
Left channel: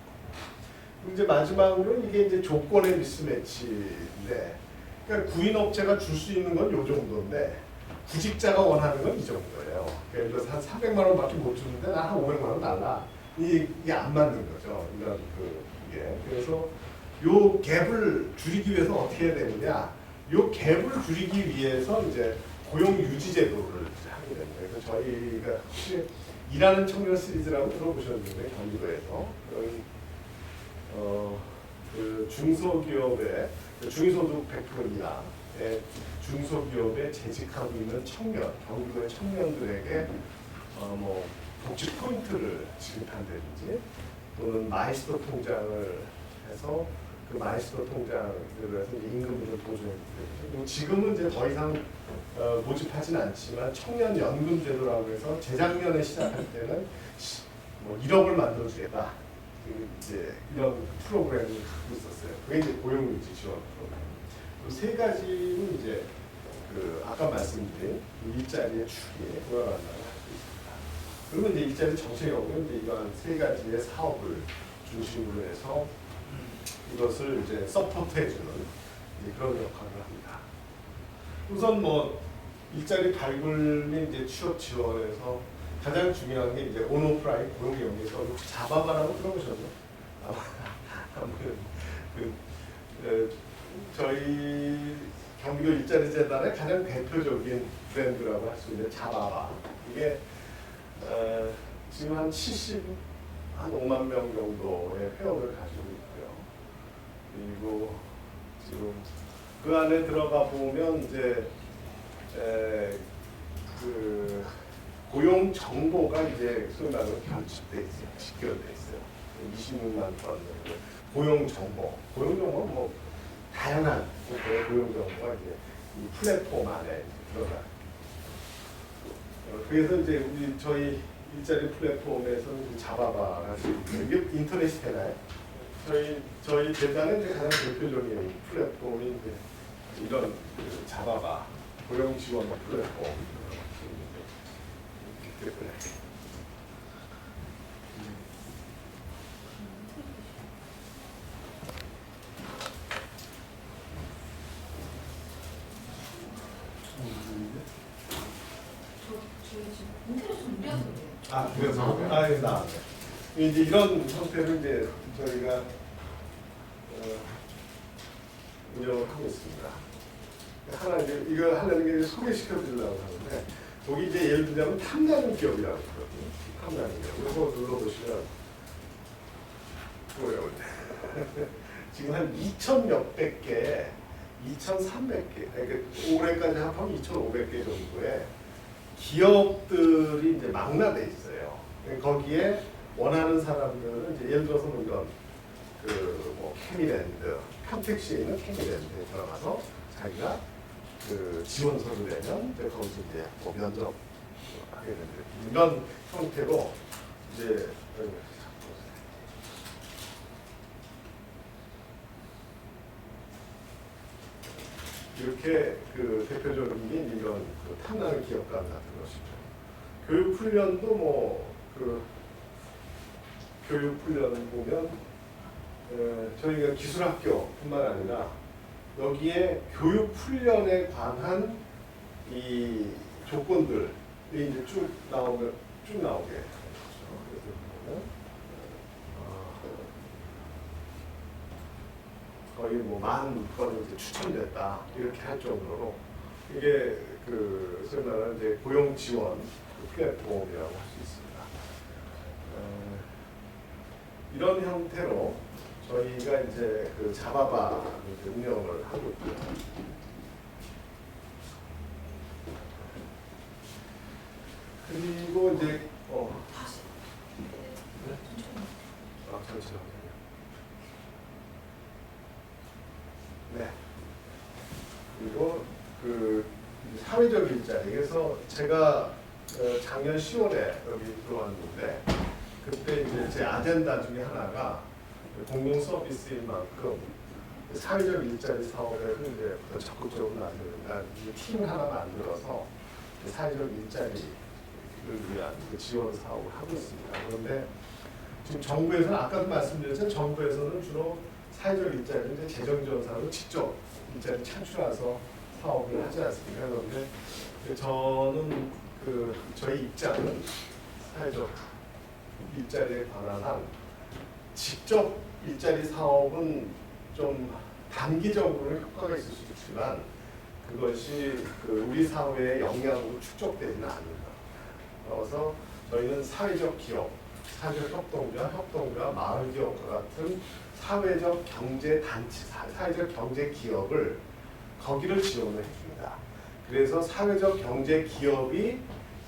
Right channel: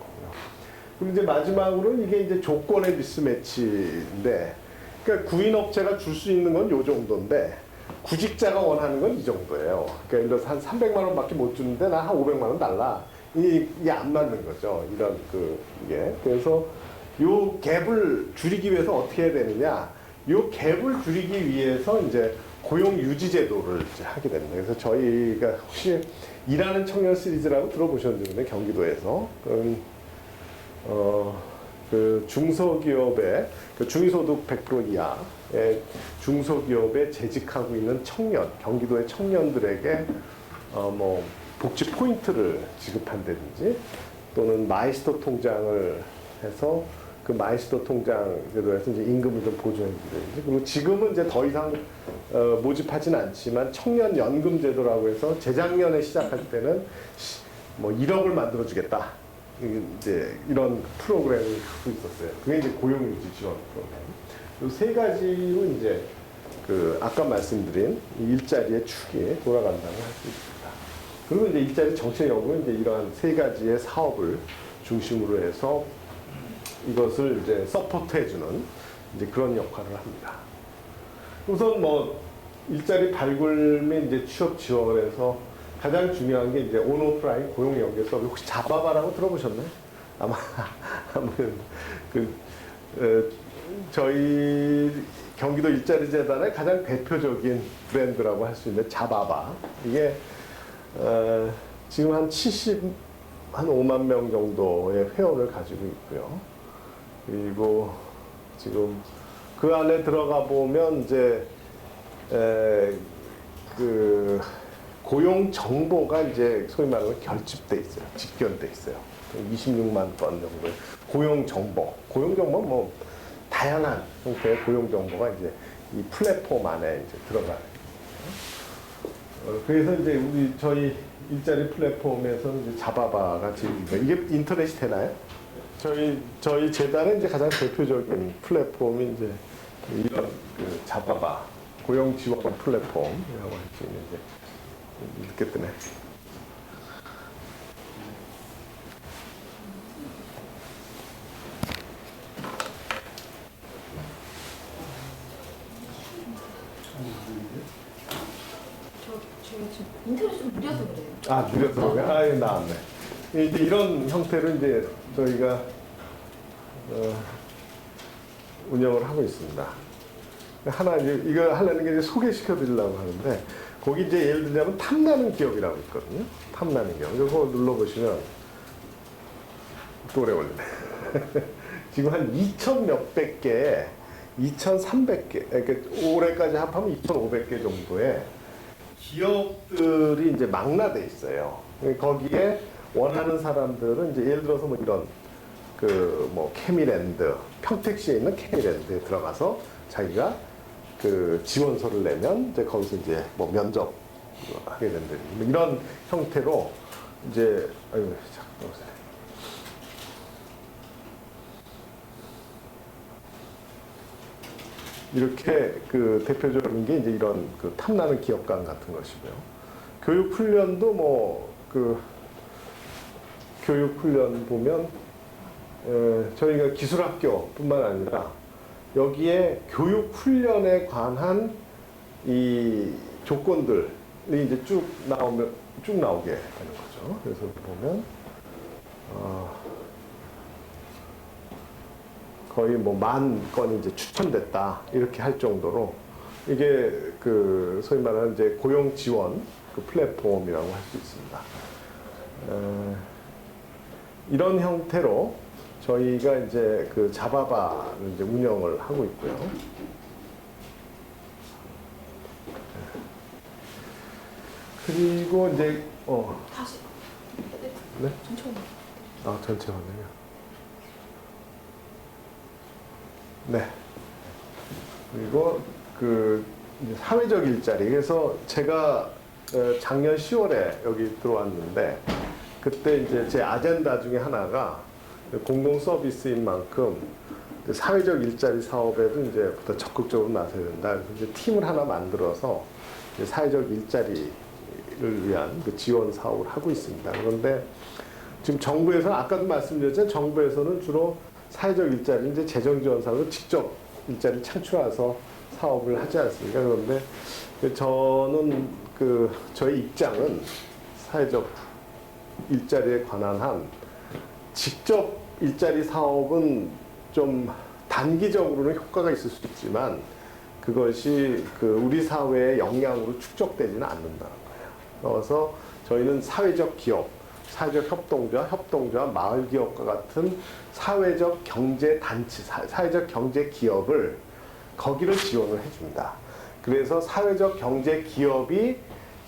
그리고 이제 마지막으로 이게 이제 조건의 미스매치인데, 그러니까 구인업체가 줄 수 있는 건 요 정도인데 구직자가 원하는 건 이 정도예요. 그러니까 예를 들어서 한 300만 원밖에 못 주는데 나 한 500만 원 달라. 이게 안 맞는 거죠. 이런 이게. 그래서 요 갭을 줄이기 위해서 어떻게 해야 되느냐? 요 갭을 줄이기 위해서 이제 고용 유지 제도를 이제 하게 되는 거예요. 그래서 저희가 혹시 일하는 청년 시리즈라고 들어보셨는데 경기도에서 그 중소기업의 그 중위소득 100% 이하의 중소기업에 재직하고 있는 청년, 경기도의 청년들에게 뭐 복지 포인트를 지급한다든지 또는 마이스터 통장을 해서 그 마이스터 통장으로 해서 이제 임금을 좀 보조해주든지 그리고 지금은 이제 더 이상 모집하지는 않지만 청년 연금 제도라고 해서 재작년에 시작할 때는 뭐 1억을 만들어주겠다. 이제 이런 프로그램을 갖고 있었어요. 그게 이제 고용유지 지원 프로그램. 이 세 가지로 이제 그 아까 말씀드린 일자리의 축이 돌아간다고 할 수 있습니다. 그리고 이제 일자리 정책연구는 이제 이러한 세 가지의 사업을 중심으로 해서 이것을 이제 서포트해주는 이제 그런 역할을 합니다. 우선 뭐 일자리 발굴 및 이제 취업 지원에서 가장 중요한 게 이제 온오프라인 고용 연계에서 혹시 자바바라고 들어보셨나요? 아마 저희 경기도 일자리 재단의 가장 대표적인 브랜드라고 할 수 있는 자바바. 이게 지금 한 5만 명 정도의 회원을 가지고 있고요. 그리고 지금 그 안에 들어가 보면 이제 그 고용 정보가 이제 소위 말하는 결집돼 있어요. 직결돼 있어요. 26만 건 정도 고용 정보. 고용 정보 뭐 다양한 형태의 고용 정보가 이제 이 플랫폼 안에 이제 들어가요. 그래서 이제 저희 일자리 플랫폼에서는 이제 자바바가 지금 이게 인터넷이 되나요? 저희 재단의 이제 가장 대표적인 플랫폼이 이제 이런 그 자바바 고용 지원 플랫폼 지금 이제 이렇게 뜨네. 인터넷 좀 무려서 그래요. 아, 줄여서? 아, 예, 나왔네. 이제 이런 형태를 이제 저희가 운영을 하고 있습니다. 하나 이거 하나는 이제 소개시켜 드리려고 하는데 거기 이제 예를 들자면 탐나는 기업이라고 있거든요. 탐나는 기업. 이거 눌러보시면 또 어려워요. 지금 한 2,000 몇백 개, 2,300개, 그러니까 올해까지 합하면 2,500개 정도의 기업들이 이제 망라돼 있어요. 거기에 원하는 사람들은 이제 예를 들어서 뭐 이런 그 뭐 케미랜드, 평택시에 있는 케미랜드에 들어가서 자기가 그 지원서를 내면 이제 거기서 이제 뭐 면접 하게 된다. 이런 형태로 이제 이렇게 그 대표적인 게 이제 이런 그 탐나는 기업관 같은 것이고요. 교육 훈련도 뭐 그 교육 훈련 보면 저희가 기술학교뿐만 아니라 여기에 교육 훈련에 관한 이 조건들이 이제 쭉 나오게 하는 거죠. 그래서 보면 거의 뭐 10,000건이 이제 추천됐다 이렇게 할 정도로 이게 그 소위 말하는 이제 고용 지원 그 플랫폼이라고 할 수 있습니다. 이런 형태로 저희가 이제 그 자바바를 이제 운영을 하고 있고요. 그리고 이제 다시. 네? 천천히. 아, 전체적으로. 네. 그리고 그 사회적 일자리. 그래서 제가 작년 10월에 여기 들어왔는데 그때 이제 제 아젠다 중에 하나가 공동 서비스인 만큼 사회적 일자리 사업에도 이제 더 적극적으로 나서야 된다. 이제 팀을 하나 만들어서 사회적 일자리를 위한 그 지원 사업을 하고 있습니다. 그런데 지금 정부에서 아까도 말씀드렸지만 정부에서는 주로 사회적 일자리 이제 재정 지원 사업을 직접 일자리 창출해서 사업을 하지 않습니까? 그런데 저는 저희 입장은 사회적 일자리에 관한 한 직접 일자리 사업은 좀 단기적으로는 효과가 있을 수 있지만 그것이 우리 사회의 역량으로 축적되지는 않는다. 그래서 저희는 사회적 기업, 사회적 협동조합, 마을기업과 같은 사회적 경제 단체, 사회적 경제 기업을 거기를 지원을 해줍니다. 그래서 사회적 경제 기업이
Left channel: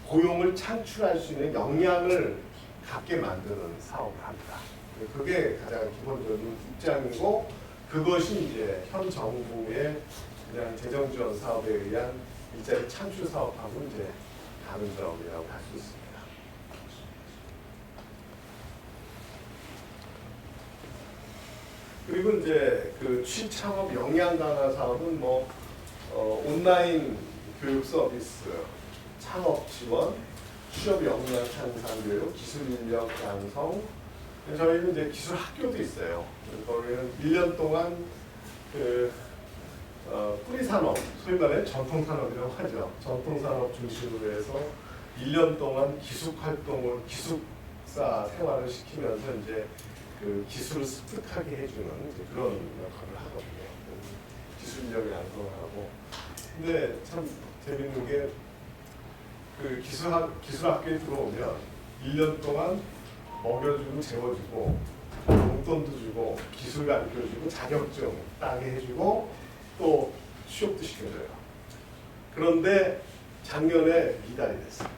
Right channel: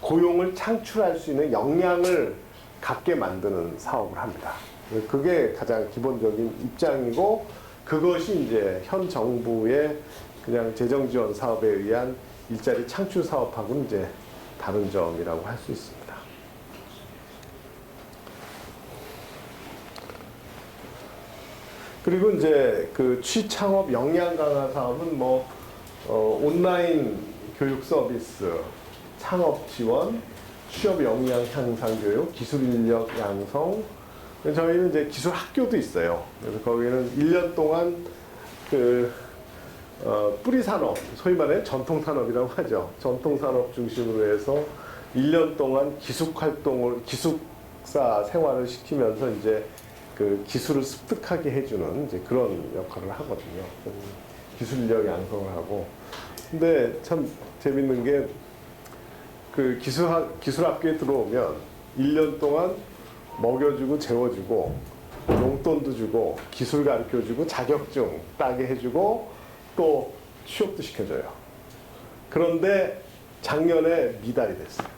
고용을 창출할 수 있는 역량을 갖게 만드는 사업을 합니다. 그게 가장 기본적인 입장이고, 그것이 이제 현 정부의 그냥 재정 지원 사업에 의한 일자리 창출 사업하고는 이제 다른 점이라고 할 수 있습니다. 그리고 이제 그 취창업 역량 강화 사업은 뭐 온라인 교육 서비스, 창업 지원, 취업 역량 향상 교육, 기술 인력 양성. 저희는 이제 기술 학교도 있어요. 그래서 거기는 1년 동안 그 뿌리 산업, 소위 말해 전통 산업이라고 하죠. 전통 산업 중심으로 해서 1년 동안 기숙 활동을, 기숙사 생활을 시키면서 이제 그 기술을 습득하게 해주는 이제 그런 역할을 하거든요. 기술 인력 양성을 하고. 근데 참 재밌는 게 그 기술학교에 들어오면 1년 동안 먹여주고 재워주고 용돈도 주고 기술 가르쳐주고 자격증 따게 해주고 또 취업도 시켜줘요. 그런데 작년에 미달이 됐어요.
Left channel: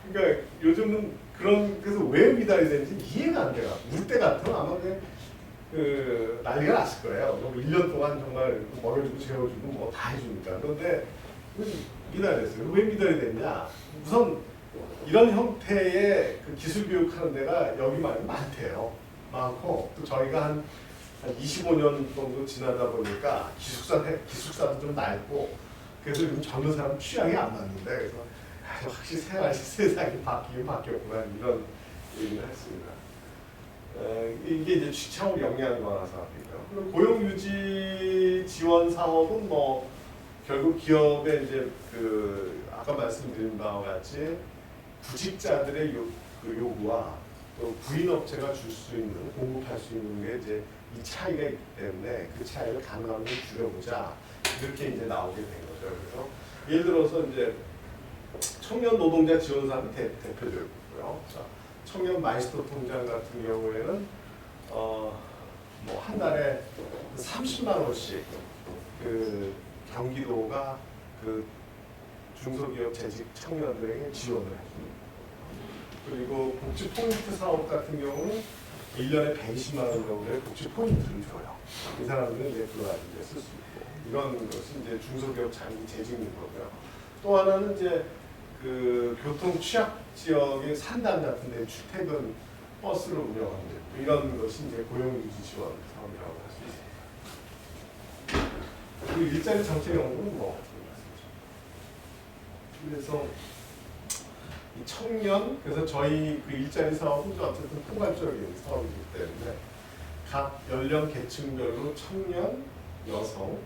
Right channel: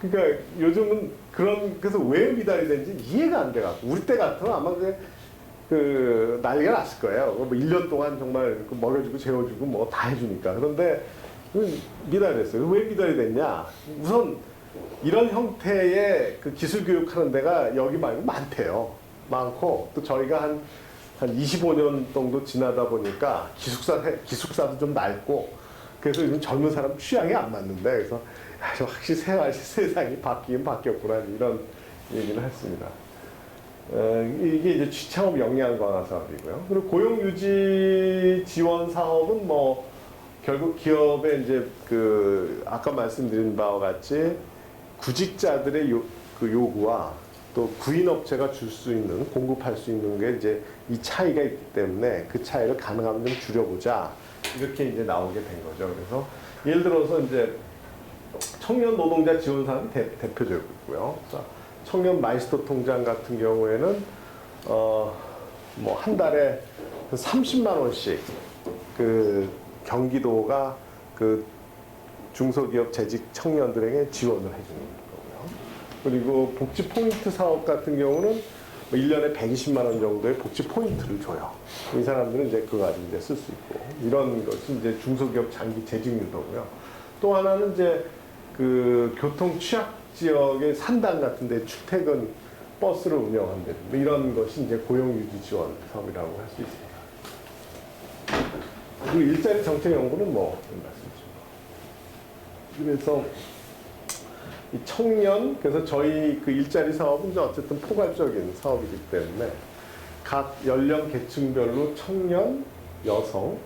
그러니까 요즘은 그래서 왜 미달이 되는지 이해가 안 돼요. 우리 때 같으면 아마 그 난리가 났을 거예요. 뭐 1년 동안 정말 먹여주고 재워주고 뭐 다 해주니까. 그런데 미달이 됐어요. 왜 미달이 됐냐? 우선 이런 형태의 그 기술 교육하는 데가 여기 많대요. 많고 또 저희가 한 25년 정도 지나다 보니까 기숙사도 좀 낡고 그래서 요즘 젊은 사람 취향이 안 맞는데 그래서 확실히 세상이 바뀌긴 바뀌었구나 이런 얘기는 했습니다. 이게 이제 취창업 역량 강화 사업이고요. 그리고 고용 유지 지원 사업은 뭐 결국 기업의 이제 그 아까 말씀드린 바와 같이 구직자들의 그 요구와 또 구인업체가 줄 수 있는 공급할 수 있는 게 이제 이 차이가 있기 때문에 그 차이를 가능한 좀 줄여보자 이렇게 이제 나오게 된 거죠. 그래서 예를 들어서 이제 청년 노동자 지원 사업이 대표적이고요. 청년 마이스터 통장 같은 경우에는 뭐 한 달에 30만 원씩 그 경기도가 그 중소기업 재직 청년들에게 지원을 해주는 거고요. 그리고 복지 포인트 사업 같은 경우는 1년에 120만 원 정도의 복지 포인트를 줘요. 이 사람들은 이제 그거 가지고 이제 쓸 수 있고 이런 것이 이제 중소기업 장기 재직 유도고요. 또 하나는 이제 그 교통 취약 지역의 산단 같은 데 출퇴근 버스를 운영하는 데 이런 것이 이제 고용 유지 지원 사업이라고 할 수 있습니다. 그리고 일자리 정책 연구는 뭐 말씀드리죠. 그래서 이 청년, 그래서 저희 그 일자리 사업은 어쨌든 포괄적인 사업이기 때문에 각 연령 계층별로 청년, 여성,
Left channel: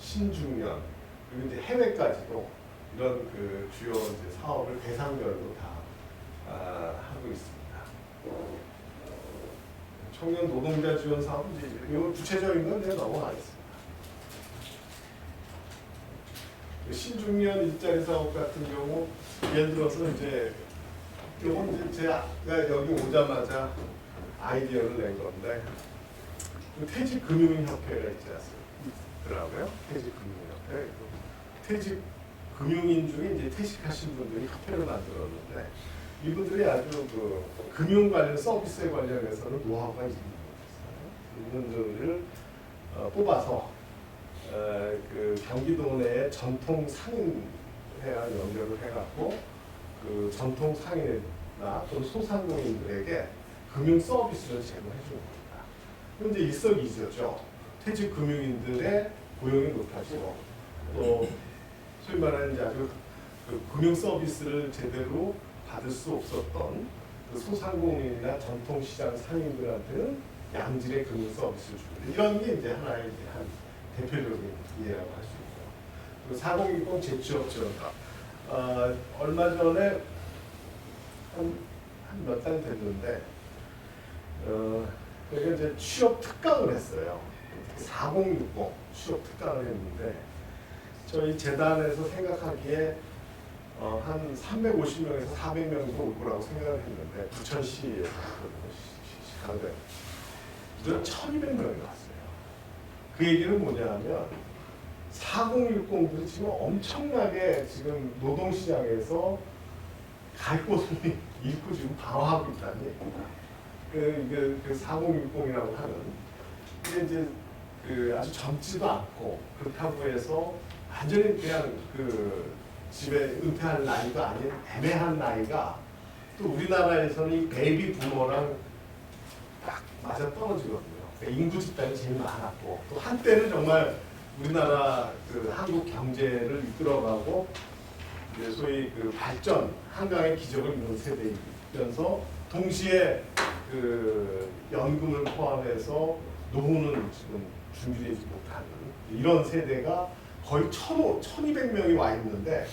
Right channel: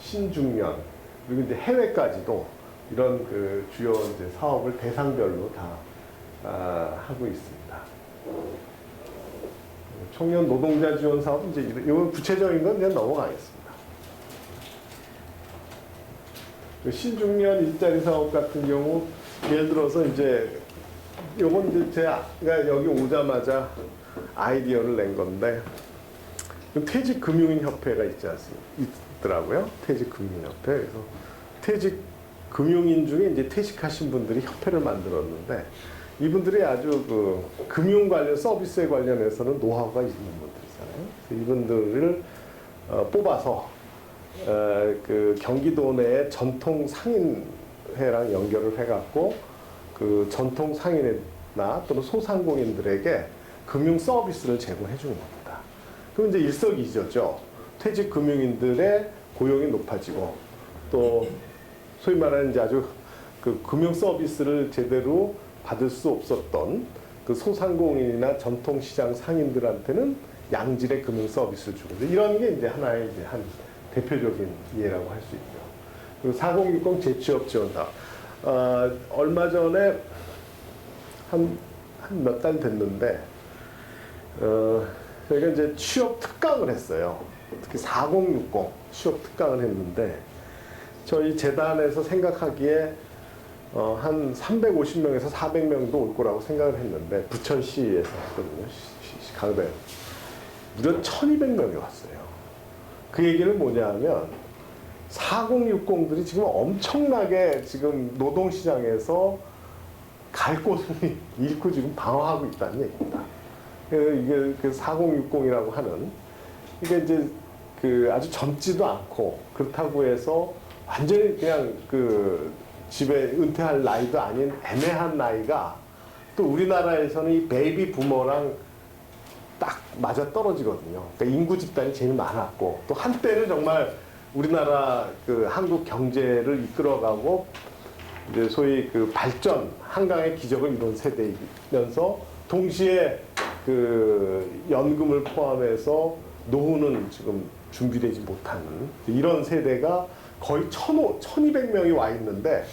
신중년 그리고 이제 해외까지도 이런 그 주요 이제 사업을 대상별로 다 하고 있습니다. 청년 노동자 지원 사업 이제 이건 구체적인 건 그냥 넘어가겠습니다. 신중년 일자리 사업 같은 경우 예를 들어서 이제 요건 제가 여기 오자마자 아이디어를 낸 건데 퇴직금융협회가 있더라고요. 퇴직금융협회. 그래서 퇴직금융인 중에 이제 퇴직하신 분들이 협회를 만들었는데 이분들이 아주 그 금융 관련 서비스에 관련해서는 노하우가 있는 분들이잖아요. 이분들을 뽑아서 그 경기도 내 전통 상인회랑 연결을 해갖고 그 전통 상인회나 또는 소상공인들에게 금융 서비스를 제공해 주는 겁니다. 그럼 이제 일석이조죠. 퇴직 금융인들의 고용이 높아지고 또 소위 말하는 이제 아주 그 금융 서비스를 제대로 받을 수 없었던 그 소상공인이나 전통시장 상인들한테는 양질의 금융 서비스를 주고 이런 게 이제 하나의 이제 한 대표적인 예라고 할 수 있죠. 그리고 4060 재취업 지원사. 얼마 전에 한 몇 달 됐는데, 저희가 이제 취업 특강을 했어요. 특히 4060 취업 특강을 했는데, 저희 재단에서 생각하기에 한 350명에서 400명도 올 거라고 생각을 했는데 부천시에서 했거든요. 가을에 무려 1200명이 왔어요. 그 얘기는 뭐냐면 4060들이 지금 엄청나게 지금 노동시장에서 갈 곳을 잃고 지금 방황하고 있다는 얘기입니다. 이게 그 4060이라고 하는 이게 이제 그 아주 젊지도 않고 그렇다고 해서 완전히 그냥 그 집에 은퇴할 나이도 아닌 애매한 나이가 또 우리나라에서는 이 베이비 부머랑 딱 맞아 떨어지거든요. 그러니까 인구 집단이 제일 많았고 또 한때는 정말 우리나라 그 한국 경제를 이끌어가고 이제 소위 그 발전 한강의 기적을 이룬 세대이면서 동시에 그 연금을 포함해서 노후는 지금 준비되지 못한 이런 세대가 거의 1200명이 와 있는데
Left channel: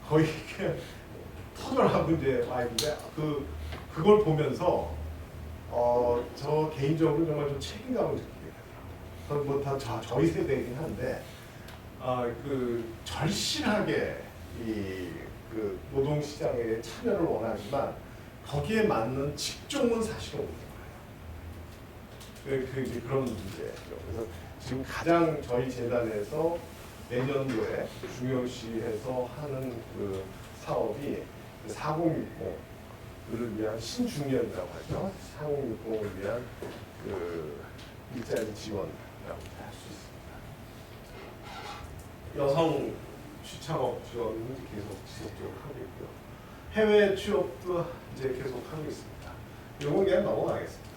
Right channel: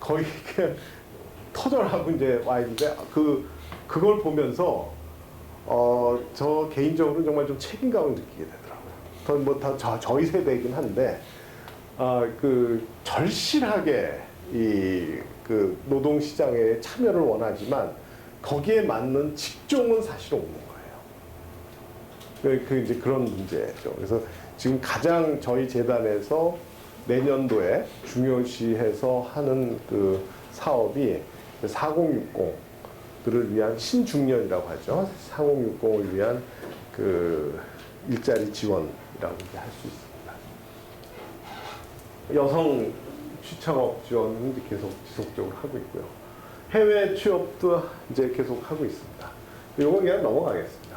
거의 그냥 터져나가고 이제 와 있는데 그걸 보면서 저 개인적으로 정말 좀 책임감을 느끼게 되더라고요. 다 저희 세대이긴 한데 그 절실하게 그 노동 시장에 참여를 원하지만 거기에 맞는 직종은 사실 없는 거예요. 이제 그런 문제죠. 그래서 지금 가장 저희 재단에서 내년도에 중요시해서 하는 그 사업이 4060들을 위한 신중년이라고 하죠. 4060을 위한 그 일자리 지원이라고 할 수 있습니다. 여성 취창업 지원은 이제 계속 지속적으로 하고 있고요. 해외 취업도 이제 계속 하고 있습니다. 이건 그냥 넘어가겠습니다.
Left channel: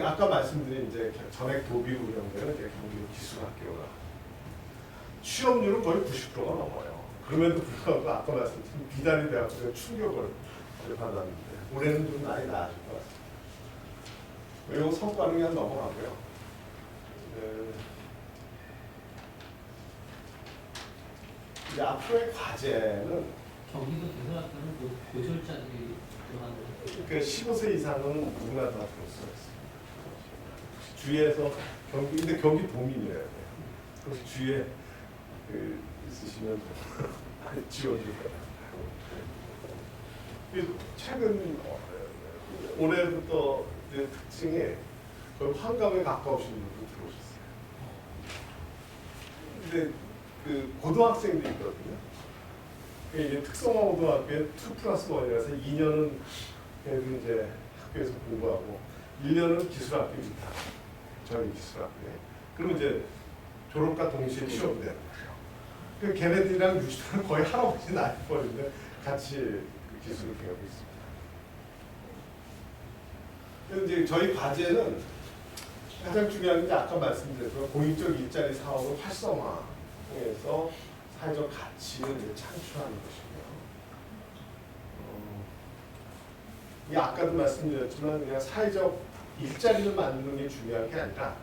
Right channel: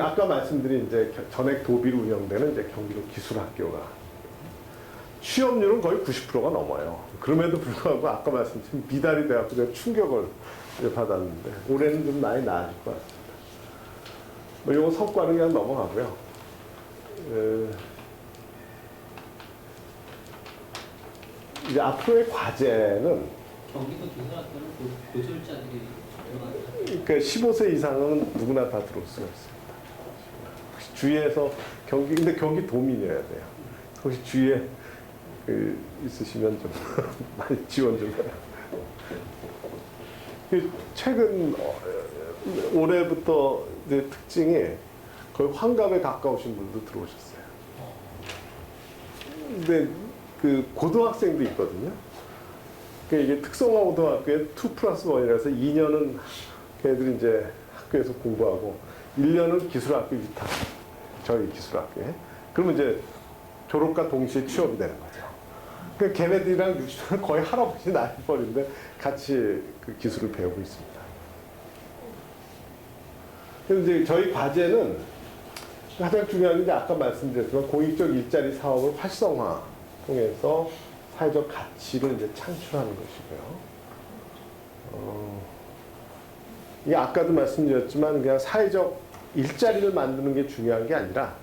아까 말씀드린 이제 전액 도비 운영되는 이제 경기도 기술학교가 취업률은 거의 90%가 넘어요. 그럼에도 불구하고 아까 말씀드린 비달이 돼갖고 제가 충격을 받았는데 올해는 좀 많이 나아질 것 같습니다. 이거 성과는 그냥 넘어가고요. 이제 앞으로의 과제는 경기도 기술학교는 고졸자들이 들어가는 그러니까 15세 이상은 누구나 다 들어올 수가 있습니다. 주위에서 근데 경기 도민이어야 돼요. 혹시 주위에 있으시면 좀 많이 지원 좀 해요. 최근 올해부터 이제 특징이 거의 환갑에 가까우신 분도 들어오셨어요. 근데 그 고등학생도 있거든요. 그러니까 이게 특성화 고등학교에 2+1이라서 2년은 걔들이 이제 학교에서 공부하고 1년은 기술학교 위탁, 저희 기술학교에. 그러면 이제 졸업과 동시에 취업되는 거예요. 그러니까 걔네들이랑 유치원은 거의 할아버지 나이벌인데 같이 그 기술을 배우고 있습니다. 그래서 이제 저희 과제는 가장 중요한 게 아까 말씀드렸지만 공익적 일자리 사업을 활성화 통해서 사회적 가치를 이제 창출하는 것이고요. 이게 아까도 말씀드렸지만 그냥 사회적 일자리를 만드는 게 중요한 게 아니라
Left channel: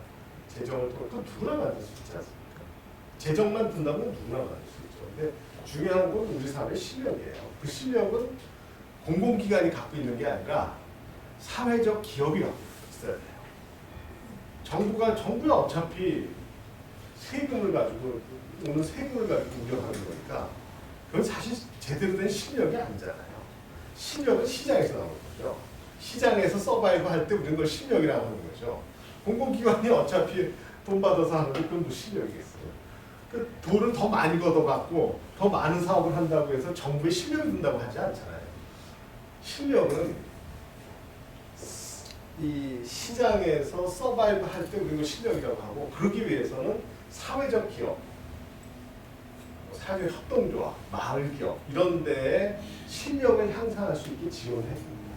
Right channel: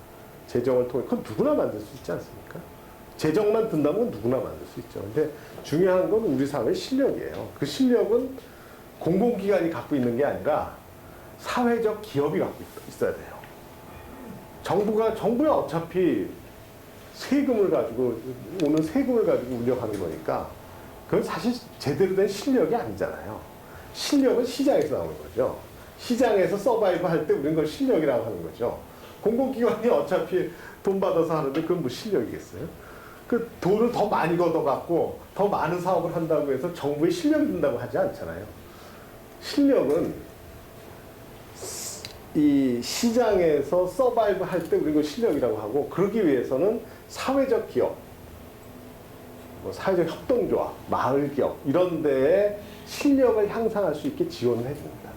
재정을 통해 그건 누구나 만들 수 있지 않습니까? 재정만 든다면 누구나 만들 수 있죠. 근데 중요한 건 우리 사회의 실력이에요. 그 실력은 공공기관이 갖고 있는 게 아니라 사회적 기업이 갖고 있어야 돼요. 정부야 어차피 세금을 가지고 오는 세금을 가지고 운영하는 거니까 그건 사실 제대로 된 실력이 아니잖아요. 실력은 시장에서 나오는 거죠. 시장에서 서바이브 할 때 우리는 그걸 실력이라고 하는 거죠. 공공기관이 어차피 돈 받아서 하는데 그건 뭐 실력이겠어요? 그 돈을 더 많이 걷어갖고 더 많은 사업을 한다고 해서 정부에 실력이 든다고 하지 않잖아요. 실력은 이 시장에서 서바이브 할 때 우리는 실력이라고 하고 그러기 위해서는 사회적 기업, 사회적 협동조합, 마을기업 이런 데에 실력을 향상할 수 있게 지원을 해줍니다.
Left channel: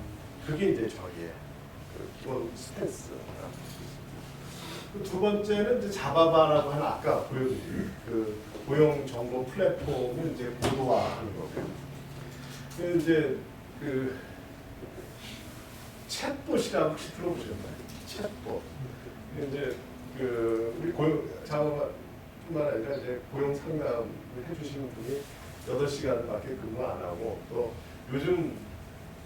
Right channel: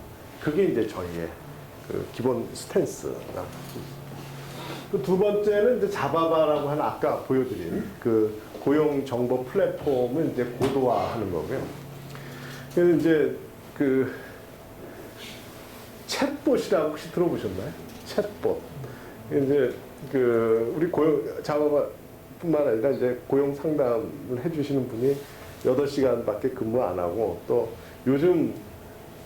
그게 이제 저희의 그 기본 스탠스가. 두 번째는 이제 자바바라고 하는 아까 보여드린 그 고용 정보 플랫폼을 이제 고도화하는 거고요. 그래서 이제 그 챗봇이라고 혹시 들어보셨나요? 챗봇. 이제 그 우리 고용 자바바뿐만 아니라 이제 고용 상담을 해주시는 분이 8시간밖에 근무 안 하고 또 요즘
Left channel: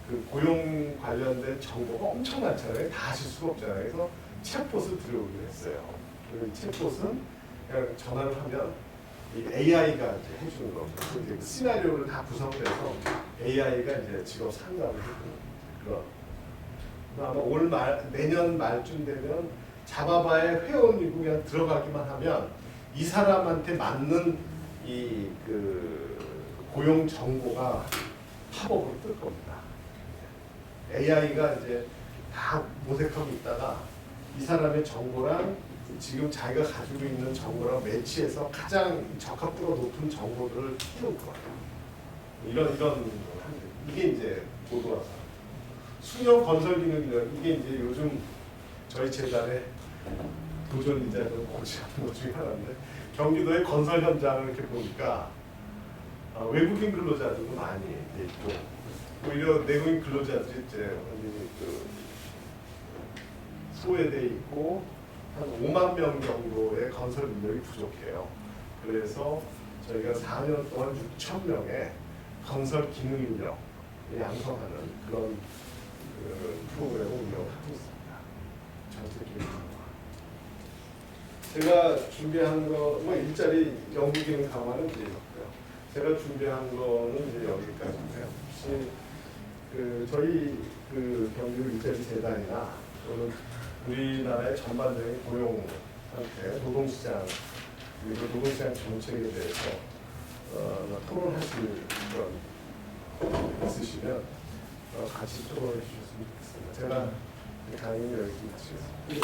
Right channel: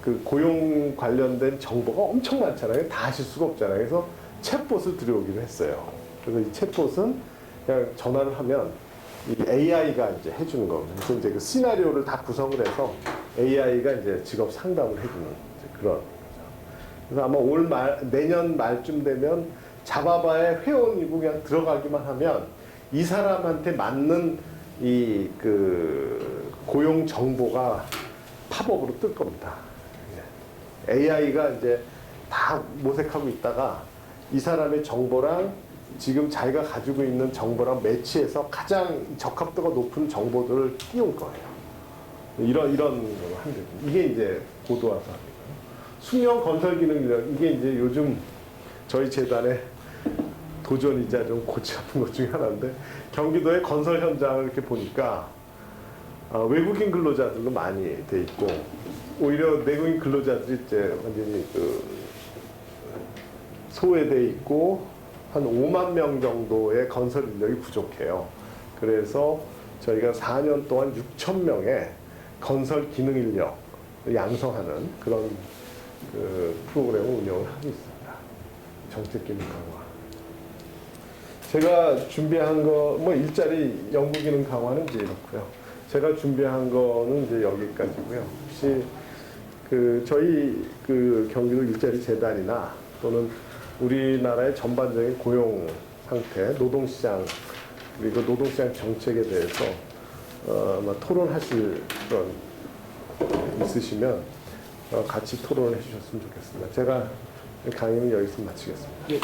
그 고용 관련된 정보가 엄청 많잖아요. 다 하실 수가 없잖아요. 그래서 챗봇을 들여오기로 했어요. 그래서 이 챗봇은 그냥 전화를 하면 이 AI가 이제 해주는 겁니다. 그래서 이제 그 시나리오를 다 구성을 해서 AI가 이제 직업 상담을 해주는 그런. 그래서 아마 내년 말쯤 되면 자바바의 회원이고 그냥 들어가기만 하면 이 사람한테 맞는 이 그 고용 정보가 팝업으로 뜰 겁니다. AI가 이제 다 모색하고 있다가 이 사람의 정보랑 지금 자기가 가지고 있는 정보랑 매치해서 가장 적합도가 높은 정보들을 띄울 거예요. 이런 이게 이제 고도화사. 수명 건설 기능이라 이게 이제 요즘 저희 재단의 도전이자 좀 고치는 것 중에 하나인데 경기도의 건설 현장을 이렇게 보니까 외국인 근로자들도 많이 돼 있고 오히려 내국인 근로자들이 이제 완전히 그 소외돼 있고 한 5만 명 정도의 건설 인력이 부족해요. 그래서 저희가 4년 동안 6천 명의 건설 기능 인력 양성하는 그런 그 프로그램을 운영을 하고 있습니다. 정책적인 강화. 제가 준비한 거 뭐 일자리 연구 기능 강화는 이제 있고요. 제가 준비한 거는 이제 여기까지고요. 혹시 그 저희 그 경기도 일자리 재단이나 또는 우리나라의 전반적인 고용 상태, 노동시장 그리고 노동시장 정책에 대해서 토론하실 건 있으시면 같이 토론해 주셨으면 좋겠습니다. 제가 강의는 여기서 마치겠습니다. 예.